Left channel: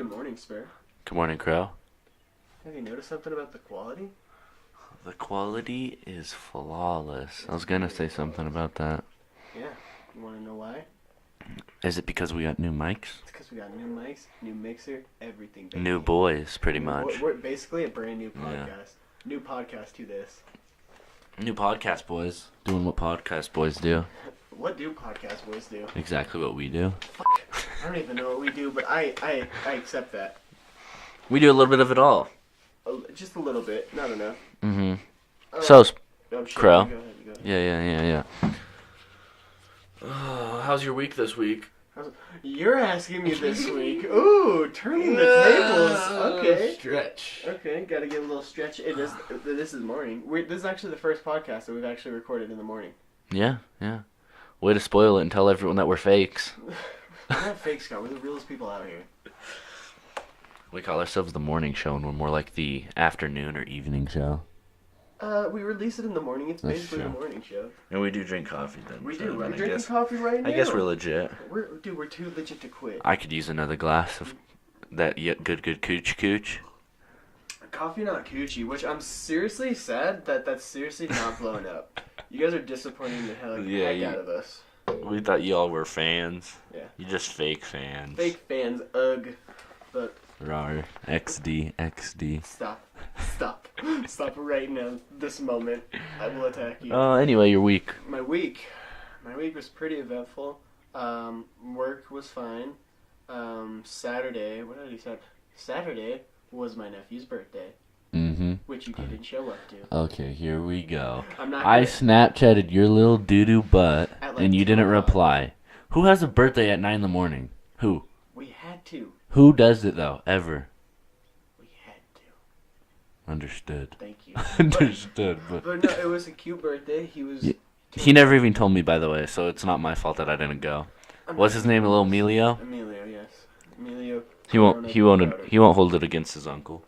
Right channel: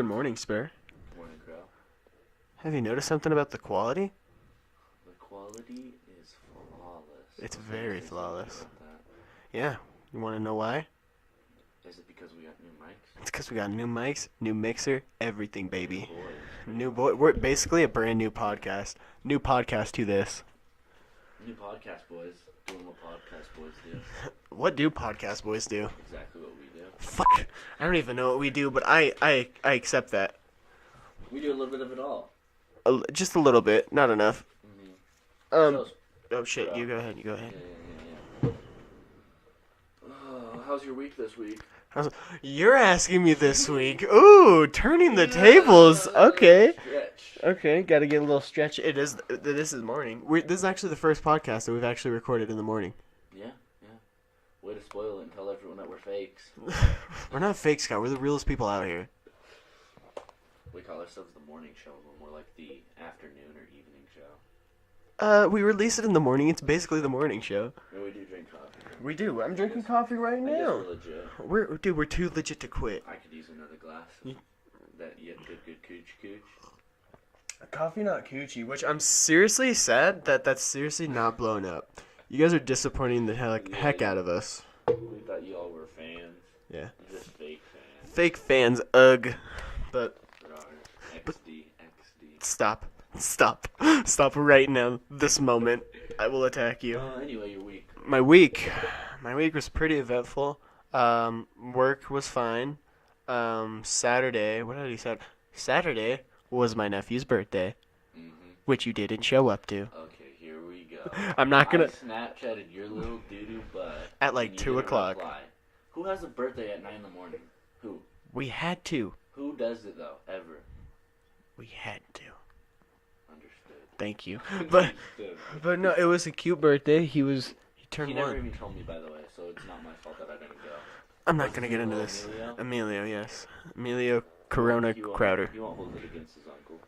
Good morning, Spur. Good morning, Crow. Have you noticed something about the quality? The quality is flawless. It's I was going to very say something flawless. about that. Yeah. You want to know why? Is it because we got new mics? It's because we got new mics, new mixer, everything, baby. New boys, pretty much. We're basically a brand new podcast. Yeah. New podcast to this. New podcast boys. Doing what podcast boys do. What do podcast boys do? Exactly what we do. Fuck. I don't even know what we do, but I accept that. We do a little bit of it all. Just a little bit, not enough. Mm-hmm. Oh shit, Crow. You go ahead. Yeah. Oh, how's your week this week? You're asking me this week. Ooh, turning the tables. Okay. Stretch. Okay, gotta get a little stretch. This is morning. This is actually the first podcast that we've actually recorded in the morning. Yeah. Way to spoil it and tell everyone that we're fakes. We're not fake, Scott. We're the realest people out here. We call ourselves the morning show, and we're more like the afternoon or evening show. We release it in the morning. It's That's basically true. the morning show. And we do drink coffee then. We do. So I'm I drinking guess- coffee right now. I guess we're legit. We're too legit to quit. I could use another glass of that good cooch. Coffee not coochie, which I'm seriously sad that's seriously not blown up. You guys are disappointing the heck out of us. We thought y'all were fans. Yeah. You just fake fans. Fake fans, ugh. But Rar. XD. Stop right now. This moment. I will attack you. Anyway, your week. My week was pretty eventful. Work was fine. Saturday, what did he say? Saturday was my nephew's birthday, Mm-hmm. which you didn't show up to. Okay, here we go. I'm not I gonna. Snapchatted your little doo-doo butt, At like and you 2 didn't o'clock. reply. Who has a birthday at 9 in the morning? Who? We had to. Who does it, though? Ever? We had to. Understood. Thank you. Understood, But no, it was a cute birthday. He never even told me, by the way, so it's not my fault that I didn't go. What's his name? Little Emilio? Emilio, yes. Emilio. He won't. Crowder. He won't hold it against his uncle.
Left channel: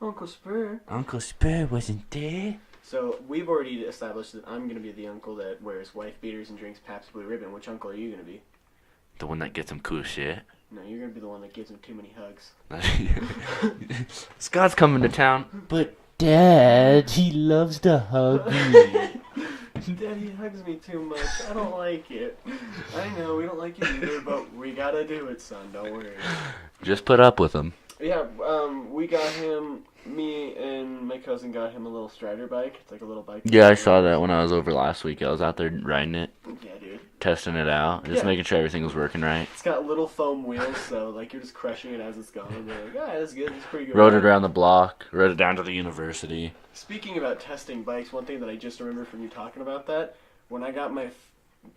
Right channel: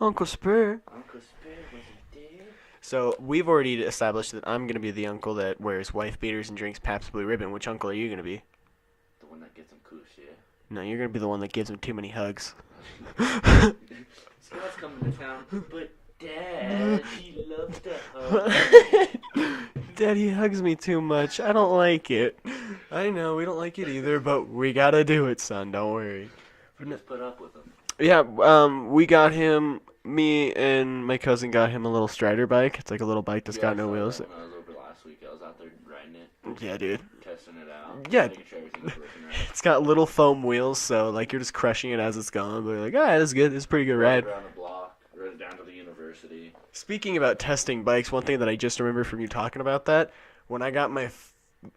Uncle Spur. Uncle Spur wasn't there. So we've already established that I'm gonna be the uncle that wears wife beaters and drinks Pabst Blue Ribbon. Which uncle are you gonna be? The one that gets him cool shit. No, you're gonna be the one that gives him too many hugs. Scott's coming to town. But Dad, he loves to hug me. Daddy hugs me too much. I don't like it. I know we don't like it either, but we gotta do it, son. Don't worry. Just put up with him. Yeah, we got him. Me and my cousin got him a little Strider bike. It's like a little bike. That's Yeah, I got no saw wheels. that when I was over last week. I was out there riding it, Yeah, dude. testing it out, just Yeah. making sure everything was working right. It's got little foam wheels, so like you're just crushing it as it's going. But like, that's good. It's pretty good. Rode ride. it around the block, rode it down to the university. Speaking about testing bikes, one thing that I just remember from you talking about that, when I got my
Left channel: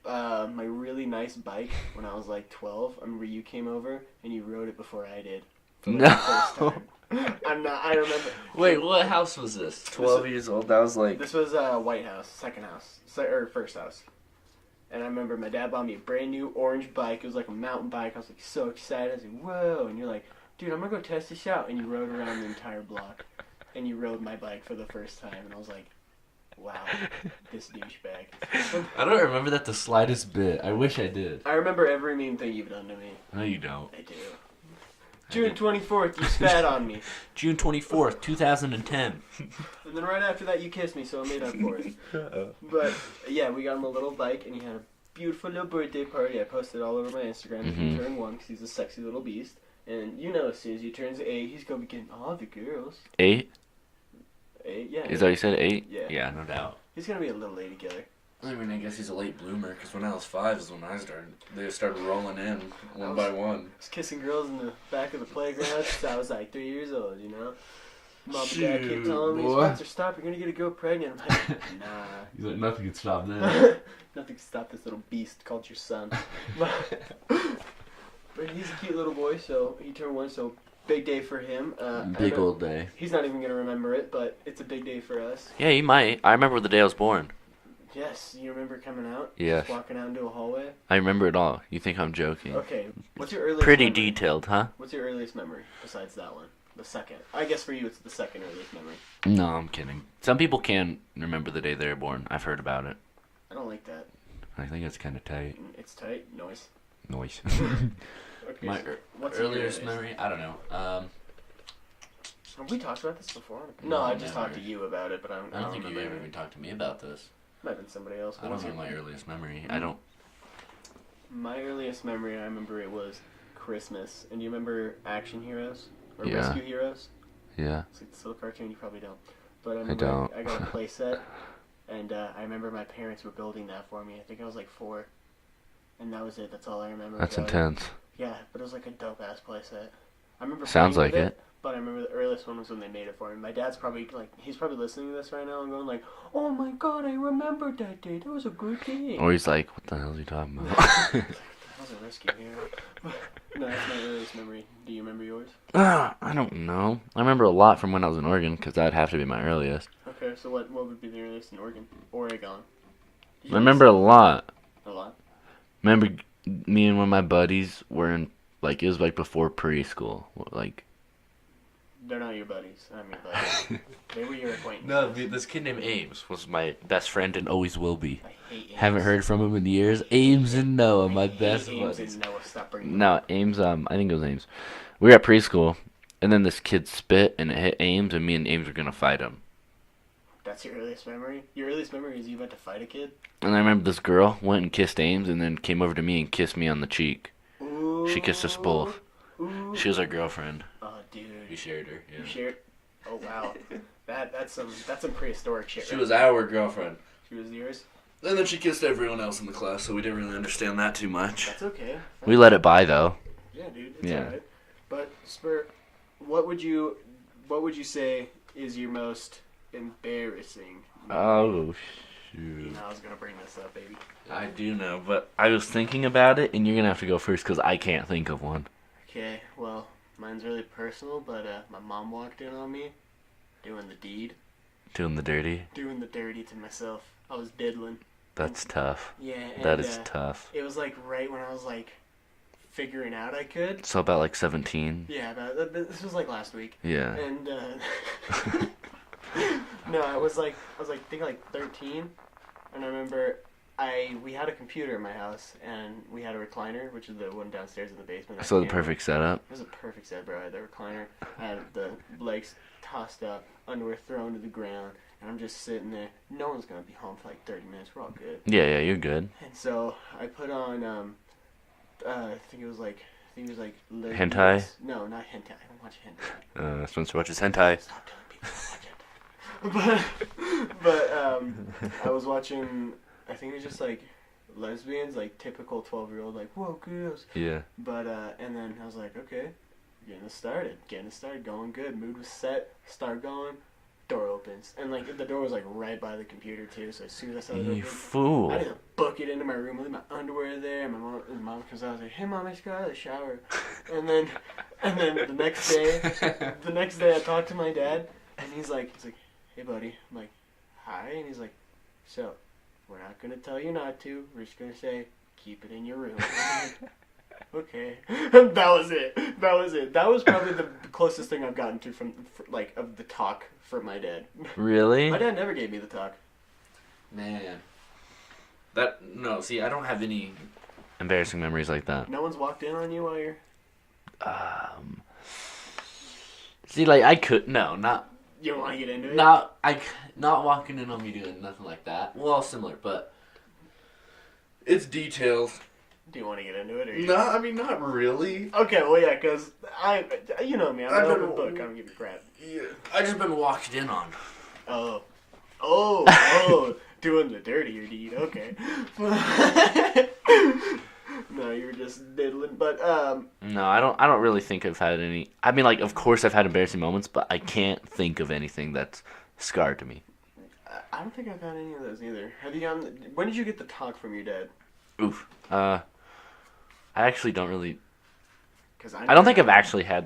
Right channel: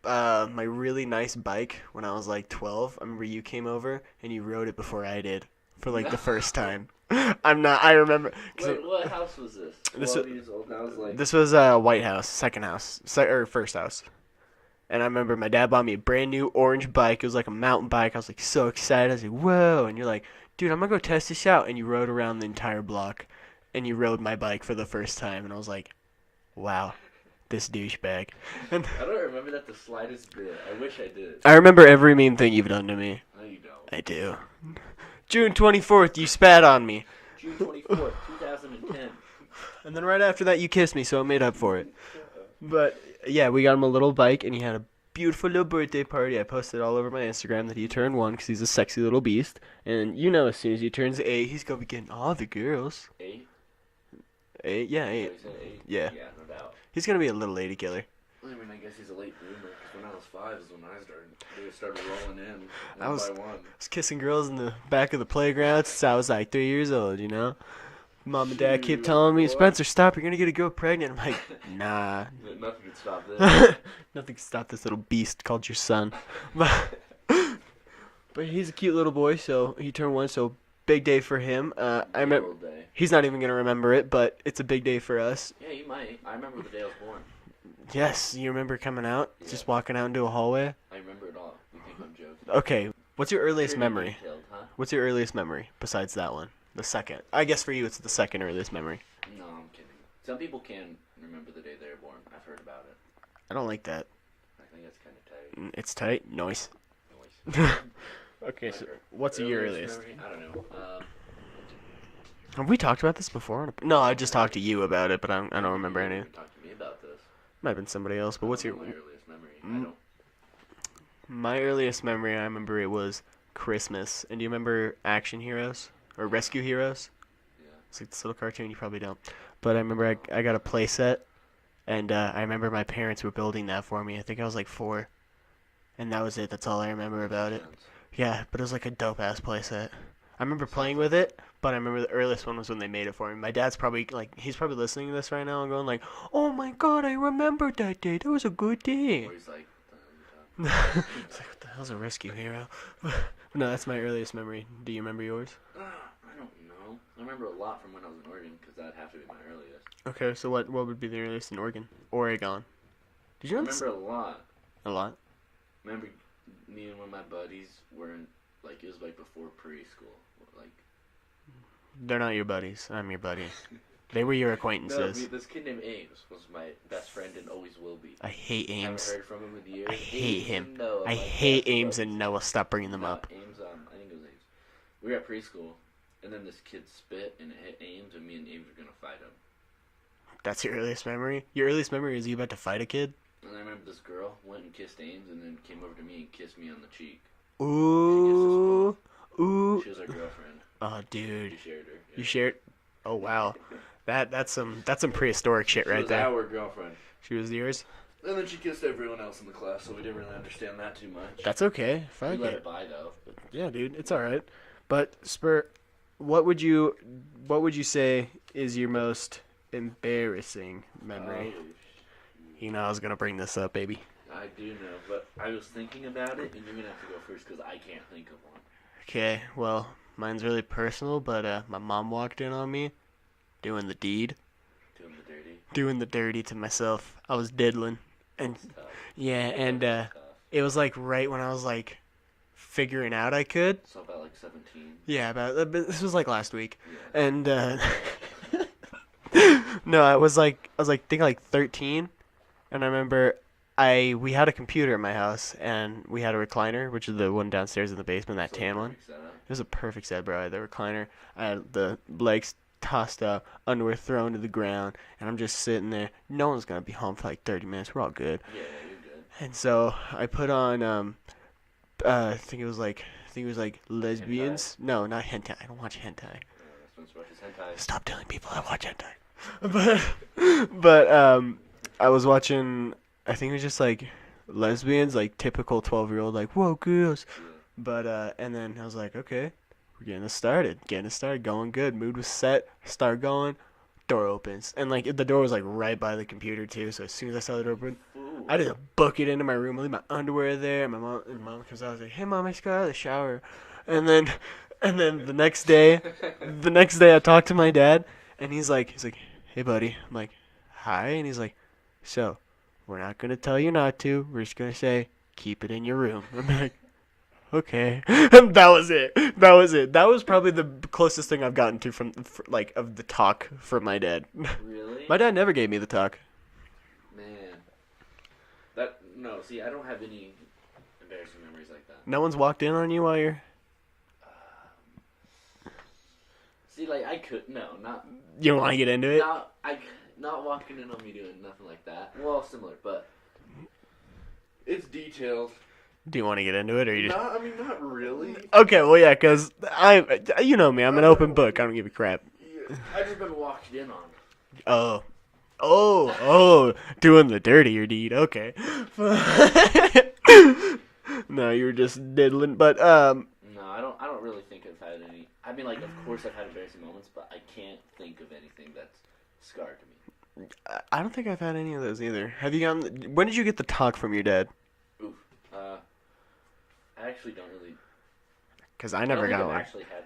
my really nice bike when I was like 12, I remember you came over and you rode it before I did for like the first time. I remember. Wait, what house was this? 12 years old. That was like. This was White House, second house, or first house. And I remember my dad bought me a brand new orange bike. It was like a mountain bike. I was like so excited. I was like, whoa. And you're like, dude, I'm going to go test this out. And you rode around the entire block. And you rode my bike for the first time. And I was like, wow, this douchebag. I don't remember that the slightest bit. I wish I did. I remember every mean thing you've done to me. No, you don't. I do. June 24th, you spat on me. June 24th, 2010. And then right after that, you kissed me, so it made up for it. But, yeah, we got him a little bike, and he had a beautiful little birthday party. I posted all over my Instagram that he turned 1 because he's a sexy little beast. And you know as soon as he turns 8, he's going to be getting all the girls. 8? 8, yeah. Is that what you said? 8? Yeah. Yeah, no doubt. He's going to be a little lady killer. I mean, I guess he's a late bloomer, because when I was 5 is when I started. They started rolling in I one was- by one. I was kissing girls in the back of the playground since I was like 3 years old, you know? Mom and dad kept Shoot, telling me, boy. Spencer, stop, you're going to get a girl pregnant. I'm like, nah. Nothing can stop that. Nothing can stop this little beast called your son. But he's a cute little boy, so he turned 1, so big day for him. Big old day. He's not even going to remember it, but it's a big day for us. Yeah, you might. I remember the day I was born. Yes, you remember coming out? Yes. Just walking out into a hallway? I remember it all. You think I'm joking? Okay, what's your earliest Pretty memory? detailed, huh? What's your earliest memory besides that one? The second. I guess for you it's the second earliest memory. No, I'm kidding. Some people can remember the day they were born. I've heard about it. I don't like that. I think it's kind of tight. It's tight. Noise. Noise. Okay, My so what's your earliest earliest memory? I don't know. Have we talked about this before? No, I just talked to you about it, but I don't think remember you any. ever talked to me about this. Might have been somebody else, but I what's don't your... know my earliest memory. I don't. My earliest memory, I remember it was Christmas. And do you remember Action Heroes? Or Yeah. Rescue Heroes? Yeah. It's like this little cartoon, you probably don't. But I remember don't. I got a play set, and I remember my parents were building that for me. I think I was like 4. And that was it. That's all I remember That's about intense. it. Yeah, but it was like a dope-ass play set. I remember Sounds playing with like it, but I remember the earliest one was when they made it for me. My dad's probably, like, he's probably listening to this right now and going like, oh my god, I remember that day. That was a good day. Or he's like, what the hell are you talking about? He's like, what the hell's a Rescue Hero? No, that's my earliest memory. Do you remember yours? I don't know. I remember a lot from when I was in Oregon, because that'd have to be my earliest. Okay, so what would be the earliest in Oregon? Oregon. Did I remember a lot. A lot? Remember me and one of my buddies were in, like, it was like before preschool. Like, they're not your buddies. I'm your buddy. They were your acquaintances. this kid named Ames was my best friend and always will be. I hate Ames. Haven't heard from him in years. I hate Ames him. and Noah, my I hate best Ames buddies. and Noah. Stop bringing them No, up. Ames, I think it was Ames. We were at preschool, and then this kid spit, and it hit Ames, and me and Ames were going to fight him. That's your earliest memory? Your earliest memory is you about to fight a kid? And I remember this girl went and kissed Ames, and then came over to me and kissed me on the cheek. Ooh. She kissed us both. Ooh. She was our girlfriend. Oh, dude. You shared her. Yeah. You shared? Oh, wow. That's some prehistoric shit She right was there. our girlfriend. She was yours? And then she kissed everyone else in the class, so we didn't really understand that too much. That's okay. Fine. We let it by, though. Yeah, dude. It's Yeah. all right. But, Spur, what would you say is your most embarrassing memory? Oh, shoot. You know I was going to bring this up, baby. I do know, but I was thinking about it, and you're going to have to go first because I can't think of one. Okay, well, mine's really personal, but my mom walked in on me doing the deed. Doing the dirty? Doing the dirty to myself. I was diddling. That's tough. Yeah, and That is tough. it was like right when I was like figuring out I could. So about like 17? Yeah, but this was like last week. Yeah. And no, I was like think like 13, and I remember we had a computer in my house, and we had a recliner, which is the one downstairs in the basement. That So the tan perfect setup. It was a perfect set, bro. The recliner, I had the legs tossed up, underwear thrown to the ground, and I'm just sitting there. No one's gonna be home for like 30 minutes. We're all good. Yeah, you're good. And so I put on I think it was like lesbians. Hentai? No, not hentai. I don't watch hentai. Spencer watches hentai. Stop telling people I watch hentai. but I was watching. I think it was just like lesbians, like typical 12-year-old, like whoa girls. Yeah. But and then I was like, okay, we're getting this started, going good. Mood was set. Start going. Door opens, and like the door was like right by the computer too. So as soon as I saw the door You open, fool. I just book it into my room, leave my underwear there. My mom comes out, I was like, "Hey, mom, I just got out of the shower," and then the next day, I talked to my dad, and he's like, "Hey, buddy," I'm like, "Hi," and he's like, "So, we're not gonna tell you not to. We're just gonna say keep it in your room." I'm like, okay. That was it. That was probably the closest thing I've gotten to of the talk from my dad. Really? My dad never gave me the talk. Man. See, I don't have any embarrassing memories like that. No one's walked in on you while you're... See, like, I could... No, not... You don't want to get into it? Not walking in on me doing nothing like that. Well, similar, but... It's details. Do you want to get into it, or you? Not really. Okay, well, yeah, because you know me, I'm an open book. I don't give a crap. Yeah, I just been walked in on. Oh, doing the dirtier deed. Okay. No, you were just diddling, but No, I don't really think I've had any. I mean, like, of course I've had embarrassing moments, but I can't think of anything that's scarred to me. I don't think I've had any of those either. Have you gotten? When did you get the talk from your dad? Oof. I actually don't really. Because I don't think I've actually had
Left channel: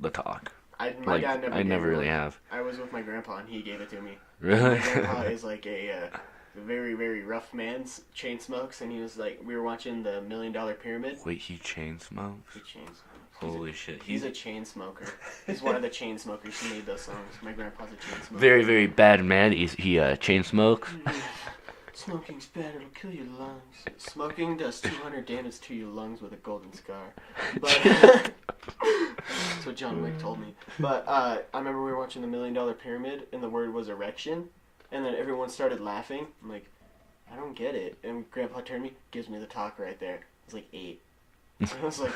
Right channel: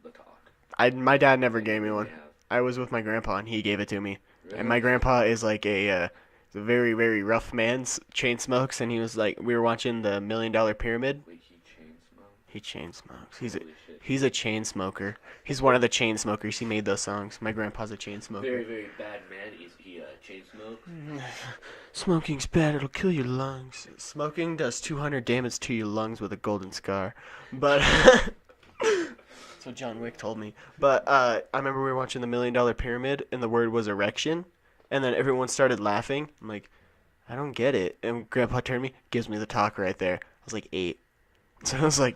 the talk. My dad never I gave never me really one. have. I was with my grandpa, and he gave it to me. Really? My grandpa is like a very, very rough man, chain smokes, and he was like, we were watching the $1 Million Pyramid. Wait, he chain smokes? He chain smokes. Holy shit. He's a chain smoker. He's one of the chain smokers. He made those songs. My grandpa's a chain smoker. Very, very bad man. He chain smokes. Smoking's bad. It'll kill your lungs. Smoking does 200 damage to your lungs with a golden scar. But that's what John Wick told me. But I remember we were watching the $1 Million Pyramid, and the word was erection, and then everyone started laughing. I'm like, I don't get it. And Grandpa turned to me, gives me the talk right there. I was like 8. So I was like,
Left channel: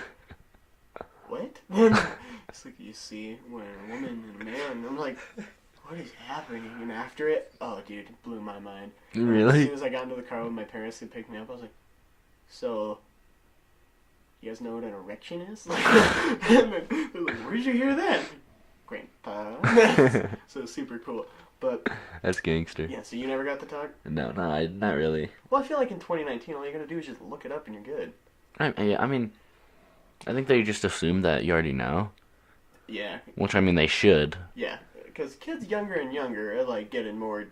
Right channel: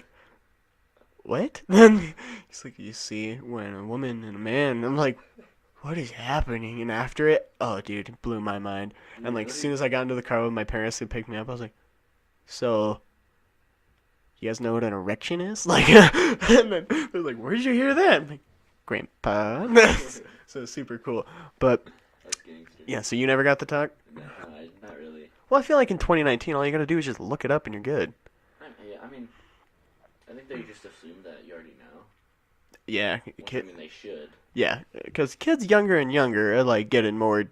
what? Then it's like, you see, when a woman and a man, I'm like, what is happening? And after it, oh, dude, it blew my mind. And like, as soon as I got into the car with my parents who picked me up, I was like, so, you guys know what an erection is? Like, and then they're like, where'd you hear that? Like, Grandpa. So super cool. But that's gangster. yeah, so you never got the talk? No, not really. Well, I feel like in 2019, all you gotta do is just look it up and you're good. I mean, I think they just assume that you already know. Yeah. Which, I mean, they should. Yeah, because kids younger and younger are, like, getting more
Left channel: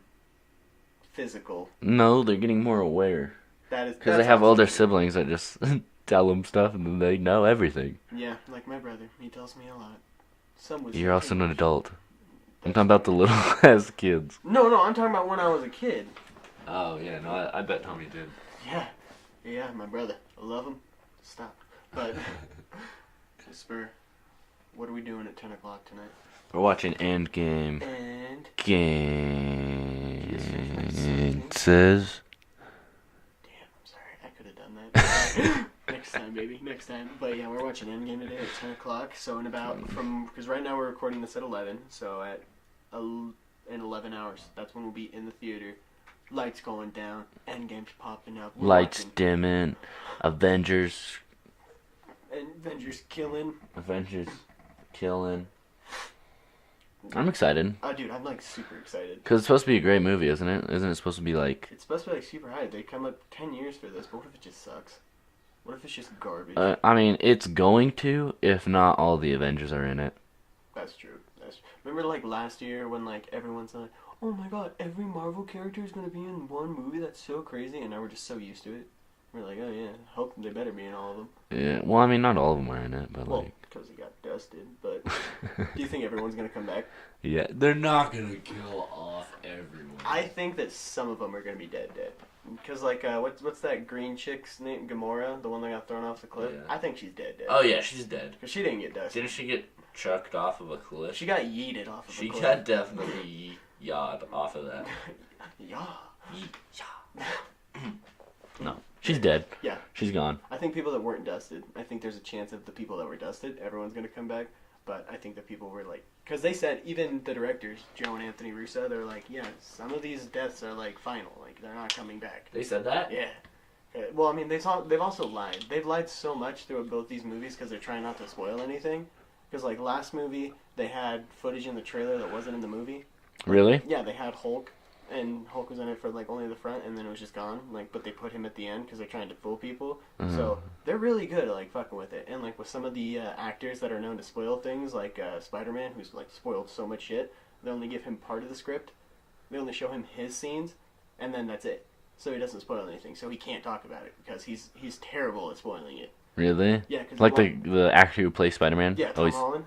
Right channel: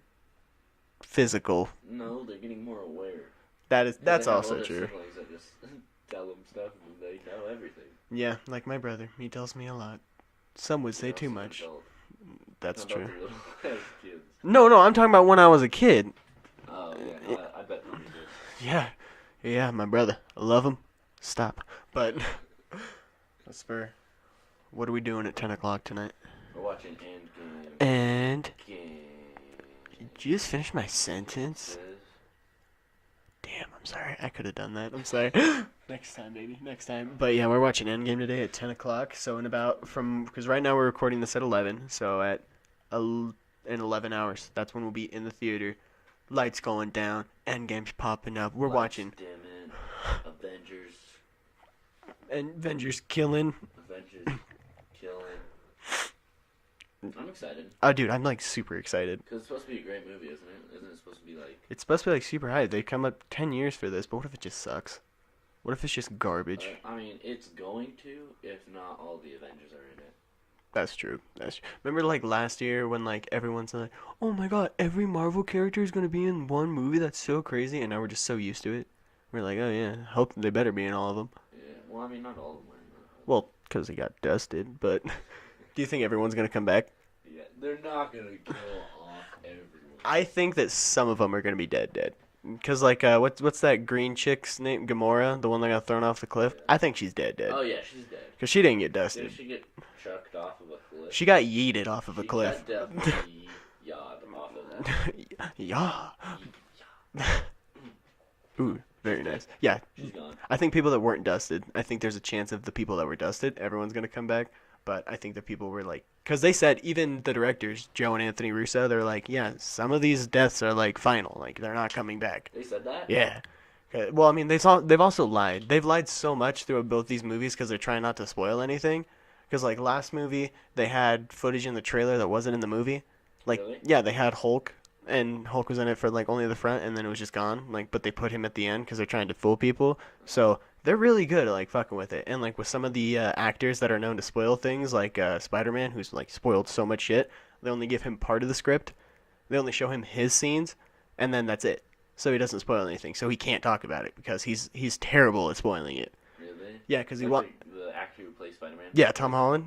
physical. No, they're getting more aware. That's because they have older true. Siblings that just tell them stuff and then they know everything. Yeah, like my brother. He tells me a lot. Some would say You're also too an much. adult. That's I'm talking about the true. little ass kids. No, I'm talking about when I was a kid. Oh, yeah, no, I bet Tony did. Yeah, my brother. I love him. Stop. But, Spur, what are we doing at 10 o'clock tonight? We're watching Endgame. And Game. did you just finish my sentence? Says. Damn, I'm sorry. I could have done that. I'm sorry. Next time, baby. Next time. But yeah, we're watching Endgame today at 10 o'clock. So in about because right now we're recording this at 11. So in 11 hours, that's when we'll be in the theater. Lights going down. Endgame's popping up. We're Lights watching. dimming. Avengers killing. Avengers killing. I'm excited. Oh, dude, I'm like super excited. Because it's supposed to be a great movie, isn't it? Isn't it supposed to be like... It's supposed to be like super high. They come up 10 years for this, but what if it just sucks? What if it's just garbage? I mean, it's going to, if not all the Avengers are in it. That's true. Remember like last year when like everyone's like, oh my god, every Marvel character is going to be in one movie? That's so crazy. And now we're just so used to it. We're like, oh yeah, hope they better be in all of them. Yeah, well, I mean, not all of them are in it, but well, because they got dusted. But do you think everyone's going to come back? Yeah, they're not going to kill off everyone. I think that some of them are going to be dead. Because, like, what's that green chick's name? Gamora? The one that got thrown off the cliff? Yeah. I think she's dead. Oh, yeah, she's dead. Because she didn't get dusted. Didn't she get chucked off of a cliff? She got yeeted off of a cliff. She got definitely yawed off of that. Yeah. No, she's dead. Yeah. She's gone. I think people that weren't dusted, I think there's a chance of the people that were dusted, everyone's going to come back. But I think the people were like, because they said, even the directors, Joe and Anthony Russo, they're like, yeah, some of these deaths are like final. Like, they're not coming back. They said that? Yeah. Well, I mean, they've also lied. They've lied so much through both these movies because they're trying not to spoil anything. Because, like, last movie, they had footage in the trailer that wasn't in the movie. Like, really? Yeah, they had Hulk, and Hulk was in it for, like, only the front, and then it was just gone. Like, but they put him at the end because they're trying to fool people. So they're really good at, like, fucking with it. And, like, with some of the actors that are known to spoil things, like Spider-Man, who's, like, spoiled so much shit, they only give him part of the script. They only show him his scenes, and then that's it. So he doesn't spoil anything. So he can't talk about it because he's terrible at spoiling it. Really? Yeah, because like the actor who plays Spider-Man. Yeah, Tom Holland.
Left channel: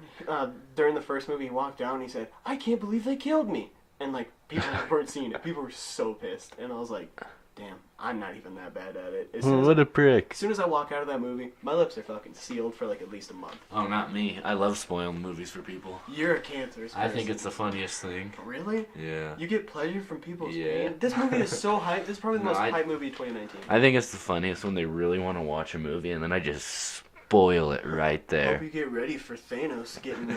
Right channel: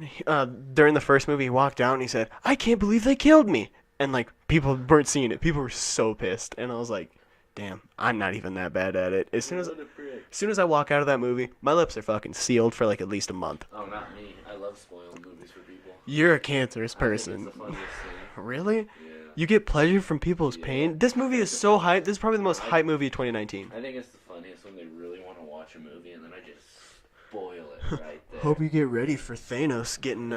During the first movie, he walked out and he said, "I can't believe they killed me," and like people weren't seeing it. People were so pissed, and I was like, "Damn, I'm not even that bad at it." What a prick! As soon as I walk out of that movie, my lips are fucking sealed for like at least a month. Oh, not me. I love spoiling movies for people. You're a cancerous person. I think it's the funniest thing. Really? Yeah. You get pleasure from people's pain? This movie is so hype. This is probably the most hype movie of 2019. I think it's the funniest when they really want to watch a movie and then I just spoil it right there. Hope you get ready for Thanos getting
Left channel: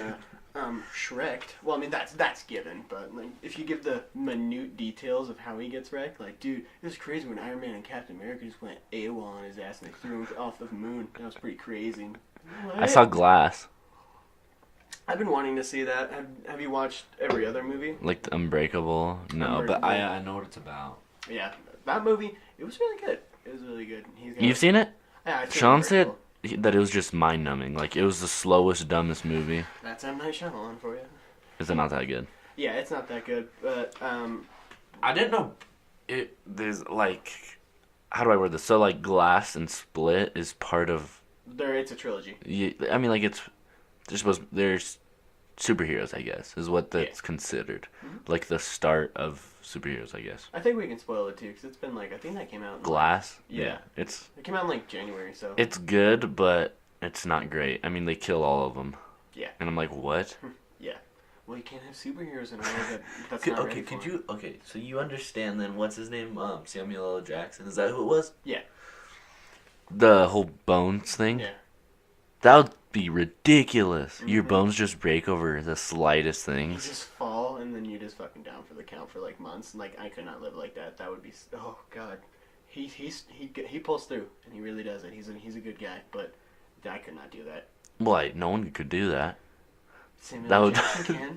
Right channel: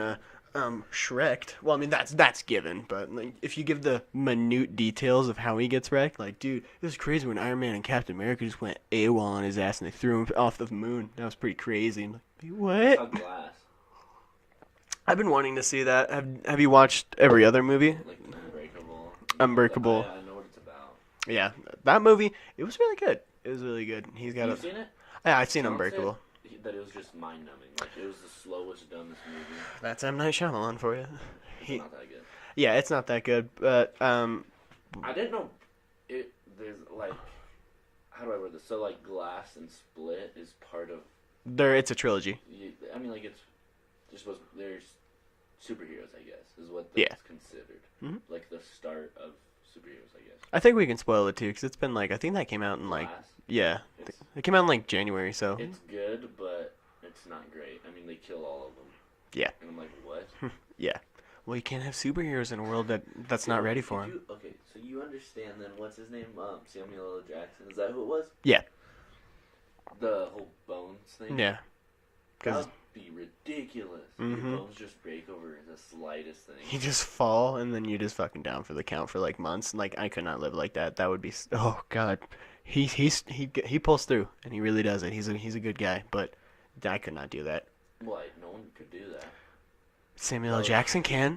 Shrek'd. Well, I mean that's given, but like if you give the minute details of how he gets wrecked, like dude, it was crazy when Iron Man and Captain America just went AWOL on his ass and they threw him off the moon. That was pretty crazy. What? I saw Glass. I've been wanting to see that. Have you watched every other movie? Like the Unbreakable. No, Unbreakable. But I know what it's about. Yeah, that movie. It was really good. It was really good. You've seen it? Yeah, I've seen Sean said Unbreakable. that it was just mind-numbing. Like, it was the slowest, dumbest movie. That's M. Night Shyamalan for you. Is it not that good? Yeah, it's not that good, but I didn't know there's, like... How do I word this? So, like, Glass and Split is part of... It's a trilogy. I mean, like, there's superheroes, I guess, is what that's considered. Mm-hmm. Like, the start of superheroes, I guess. I think we can spoil it too, because it's been like I think that came out in Glass. Yeah, it came out in like January, so It's good, but it's not great. I mean, they kill all of them. Yeah. And I'm like, what? Yeah. Well, you can't have superheroes in a world that's not ready for them. Okay, so you understand then? What's his name? Samuel L. Jackson. Is that who it was? Yeah. The whole bones thing. Yeah. That would be ridiculous. Mm-hmm. Your bones just break over the slightest thing. You just fall and then you just fucking down for the count for like months. Like I could not live like that. That would be god. He pulls through and he really does it. He's a good guy, but I could not do that. Why? No one could do that. Samuel L. Jackson can.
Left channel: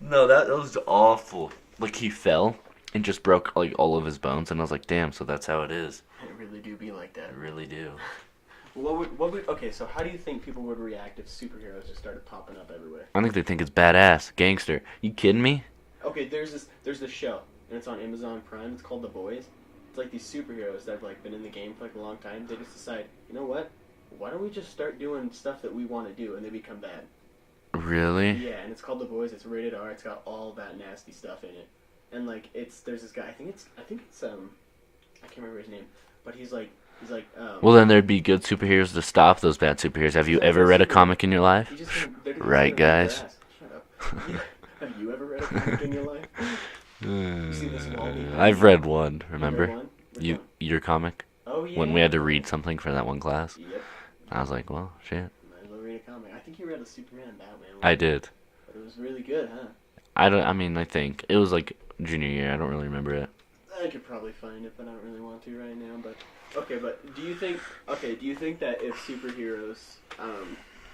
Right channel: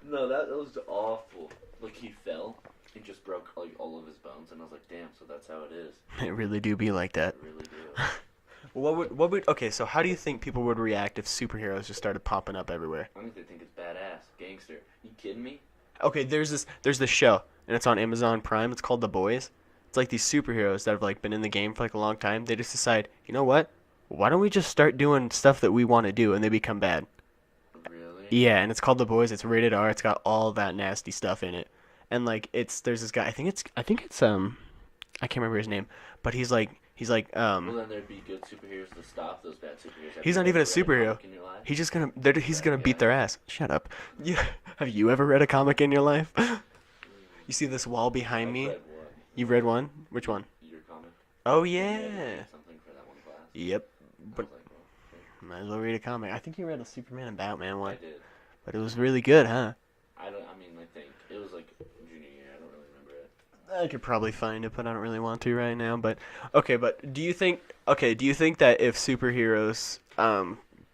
No, that was awful. Like he fell and just broke like all of his bones, and I was like, damn. So that's how it is. It really do be like that. It really do. Okay, so how do you think people would react if superheroes just started popping up everywhere? I think they think it's badass, gangster. You kidding me? Okay, there's this show and it's on Amazon Prime. It's called The Boys. It's like these superheroes that have like been in the game for like a long time. They just decide, you know what? Why don't we just start doing stuff that we want to do, and they become bad. Really? Yeah, and it's called The Boys. It's rated R. It's got all that nasty stuff in it. And like there's this guy. I think it's I can't remember his name, but he's like Well, then there'd be good superheroes to stop those bad superheroes. Have He's you like a ever good read a superhero. comic in your life? he's Right, gonna beat their guys? ass. Shut up. Have you ever read a comic in your life? You see this wall behind I've me? read one. Remember? You read one? Which one? Your comic. Oh yeah. When we had to read something for that one class. Yep. I was like, well, shit. Might as well read a comic. I think you read a Superman and Batman one. I did. But it was really good, huh? I think it was like junior year. I don't really remember it. I could probably find it, but I don't really want to right now. But okay, but do you think that if superheroes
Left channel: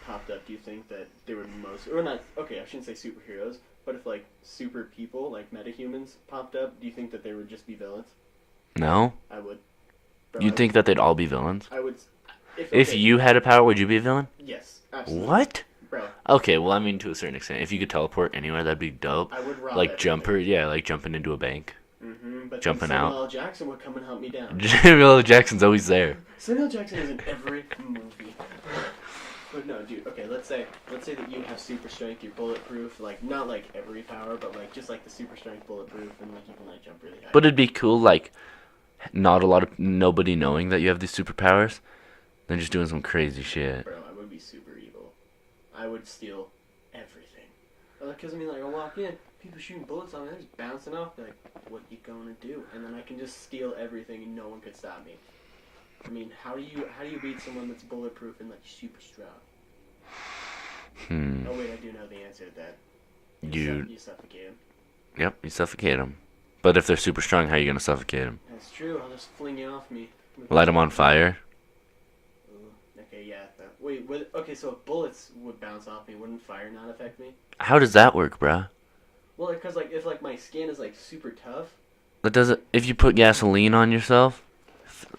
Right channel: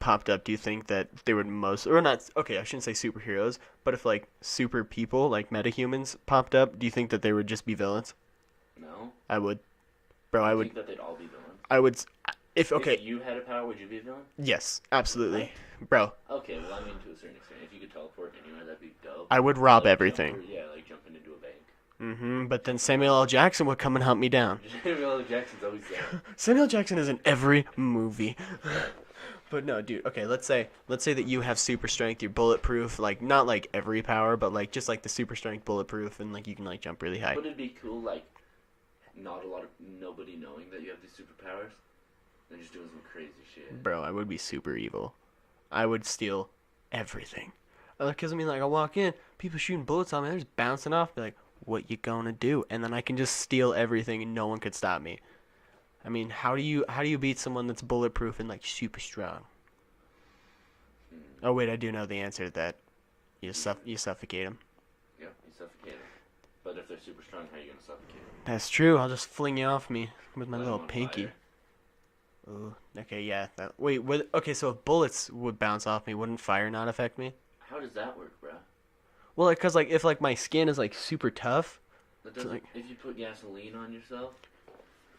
popped up, do you think that they would or not? Okay, I shouldn't say superheroes, but if like super people like metahumans popped up, do you think that they would just be villains? No. I would. Bro, You think that they'd all be villains? I would. If you had a power, would you be a villain? Yes, absolutely. What? Bro, Okay, well, I mean, to a certain extent. If you could teleport anywhere, that'd be dope. I would rob like everything. like jumping into a bank. But then Jumping Samuel out. L. Jackson would come and hunt me down. Samuel L. Jackson's always there. Samuel L. Jackson is in every movie. But no, dude. Okay, let's say that you have super strength. You're bulletproof. Like not like every power, but like just like the super strength, bulletproof, and like you can like jump really high. But it'd be cool, like, nobody knowing that you have these superpowers, then just doing some crazy shit. Bro, I would be super evil. I would steal everything. Because I mean, like I walk in, people shooting bullets on me, they're just bouncing off. They're like, "What you gonna do?" And then I can just steal everything, and no one could stop me. I mean, how do you beat someone that's bulletproof and like super strong? Oh wait, I do know the answer to that. You suffocate them. Yep, you suffocate them. But if they're super strong, how are you gonna suffocate them? That's true. I'll just fling you off me. Light them on fire. Ooh, okay, yeah. Okay, so if bullets would bounce off me, wouldn't fire not affect me? How does that work, bruh? Well, because like if like my skin is like super tough. But does it? If you put gasoline on yourself?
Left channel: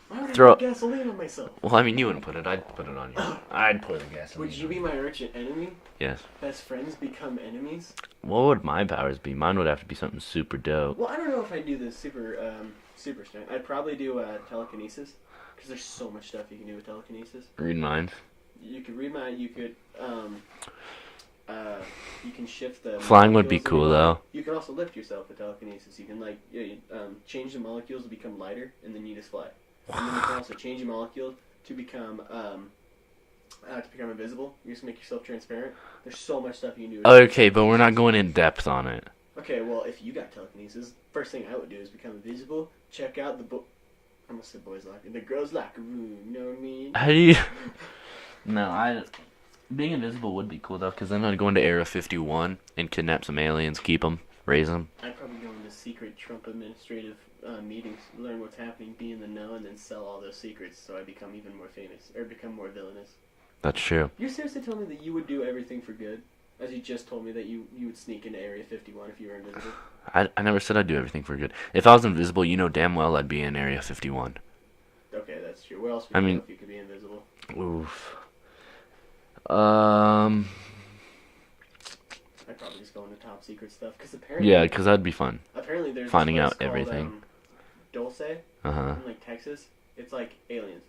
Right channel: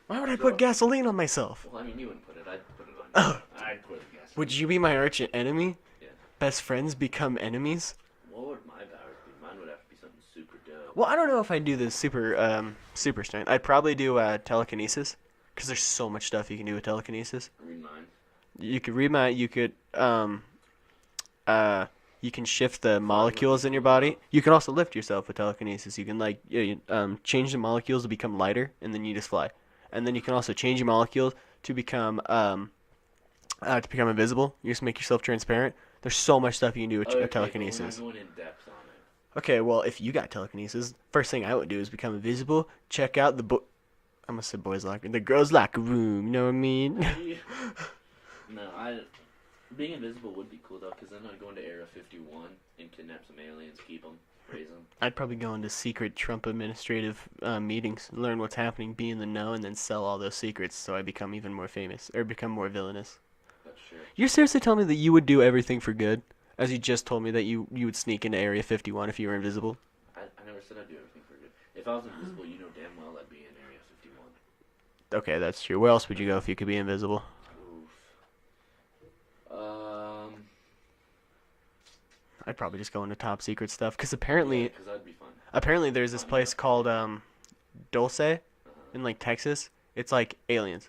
Why would I put gasoline on myself? Well, I mean, you wouldn't put it. I'd put it on you. I'd put the gasoline. Would you be my arch enemy? Yes. Best friends become enemies? What would my powers be? Mine would have to be something super dope. Well, I don't know if I'd do the super strength. I'd probably do telekinesis, because there's so much stuff you can do with telekinesis. Read minds. You could read my. You could you can shift the Flying would be molecules in cool, your body. though. You can also lift yourself with telekinesis. You can like change the molecules to become lighter, and then you just fly. And then you can also change your molecules to become invisible. You just make yourself transparent. There's so much stuff you can do with Okay, but we're not telekinesis. going in depth on it. Okay, well, if you got telekinesis, first thing I would do is become invisible. Check out I'm gonna say boys' locker, the girls' locker room. You know what I mean? How do you? No, being invisible would be cool though, because then I'd go into Area 51 and kidnap some aliens, keep them, raise them. I'd probably go into secret Trump administrative meetings, learn what's happening, be in the know, and then sell all those secrets so I become even more famous or become more villainous. That's true. You're seriously telling me that you would do everything for good, as you just told me that you would sneak into Area 51 if you were invisible? I never said I'd do everything for good. If I was invisible, you know damn well I'd be in Area 51. Okay, that's true. Where else would you go if you could be invisible? Oof. I'd probably just go into top secret stuff, because apparently... Yeah, because that'd be fun. Apparently there's Finding this place out called everything. Dulce Uh-huh. in like Texas. It's like aliens.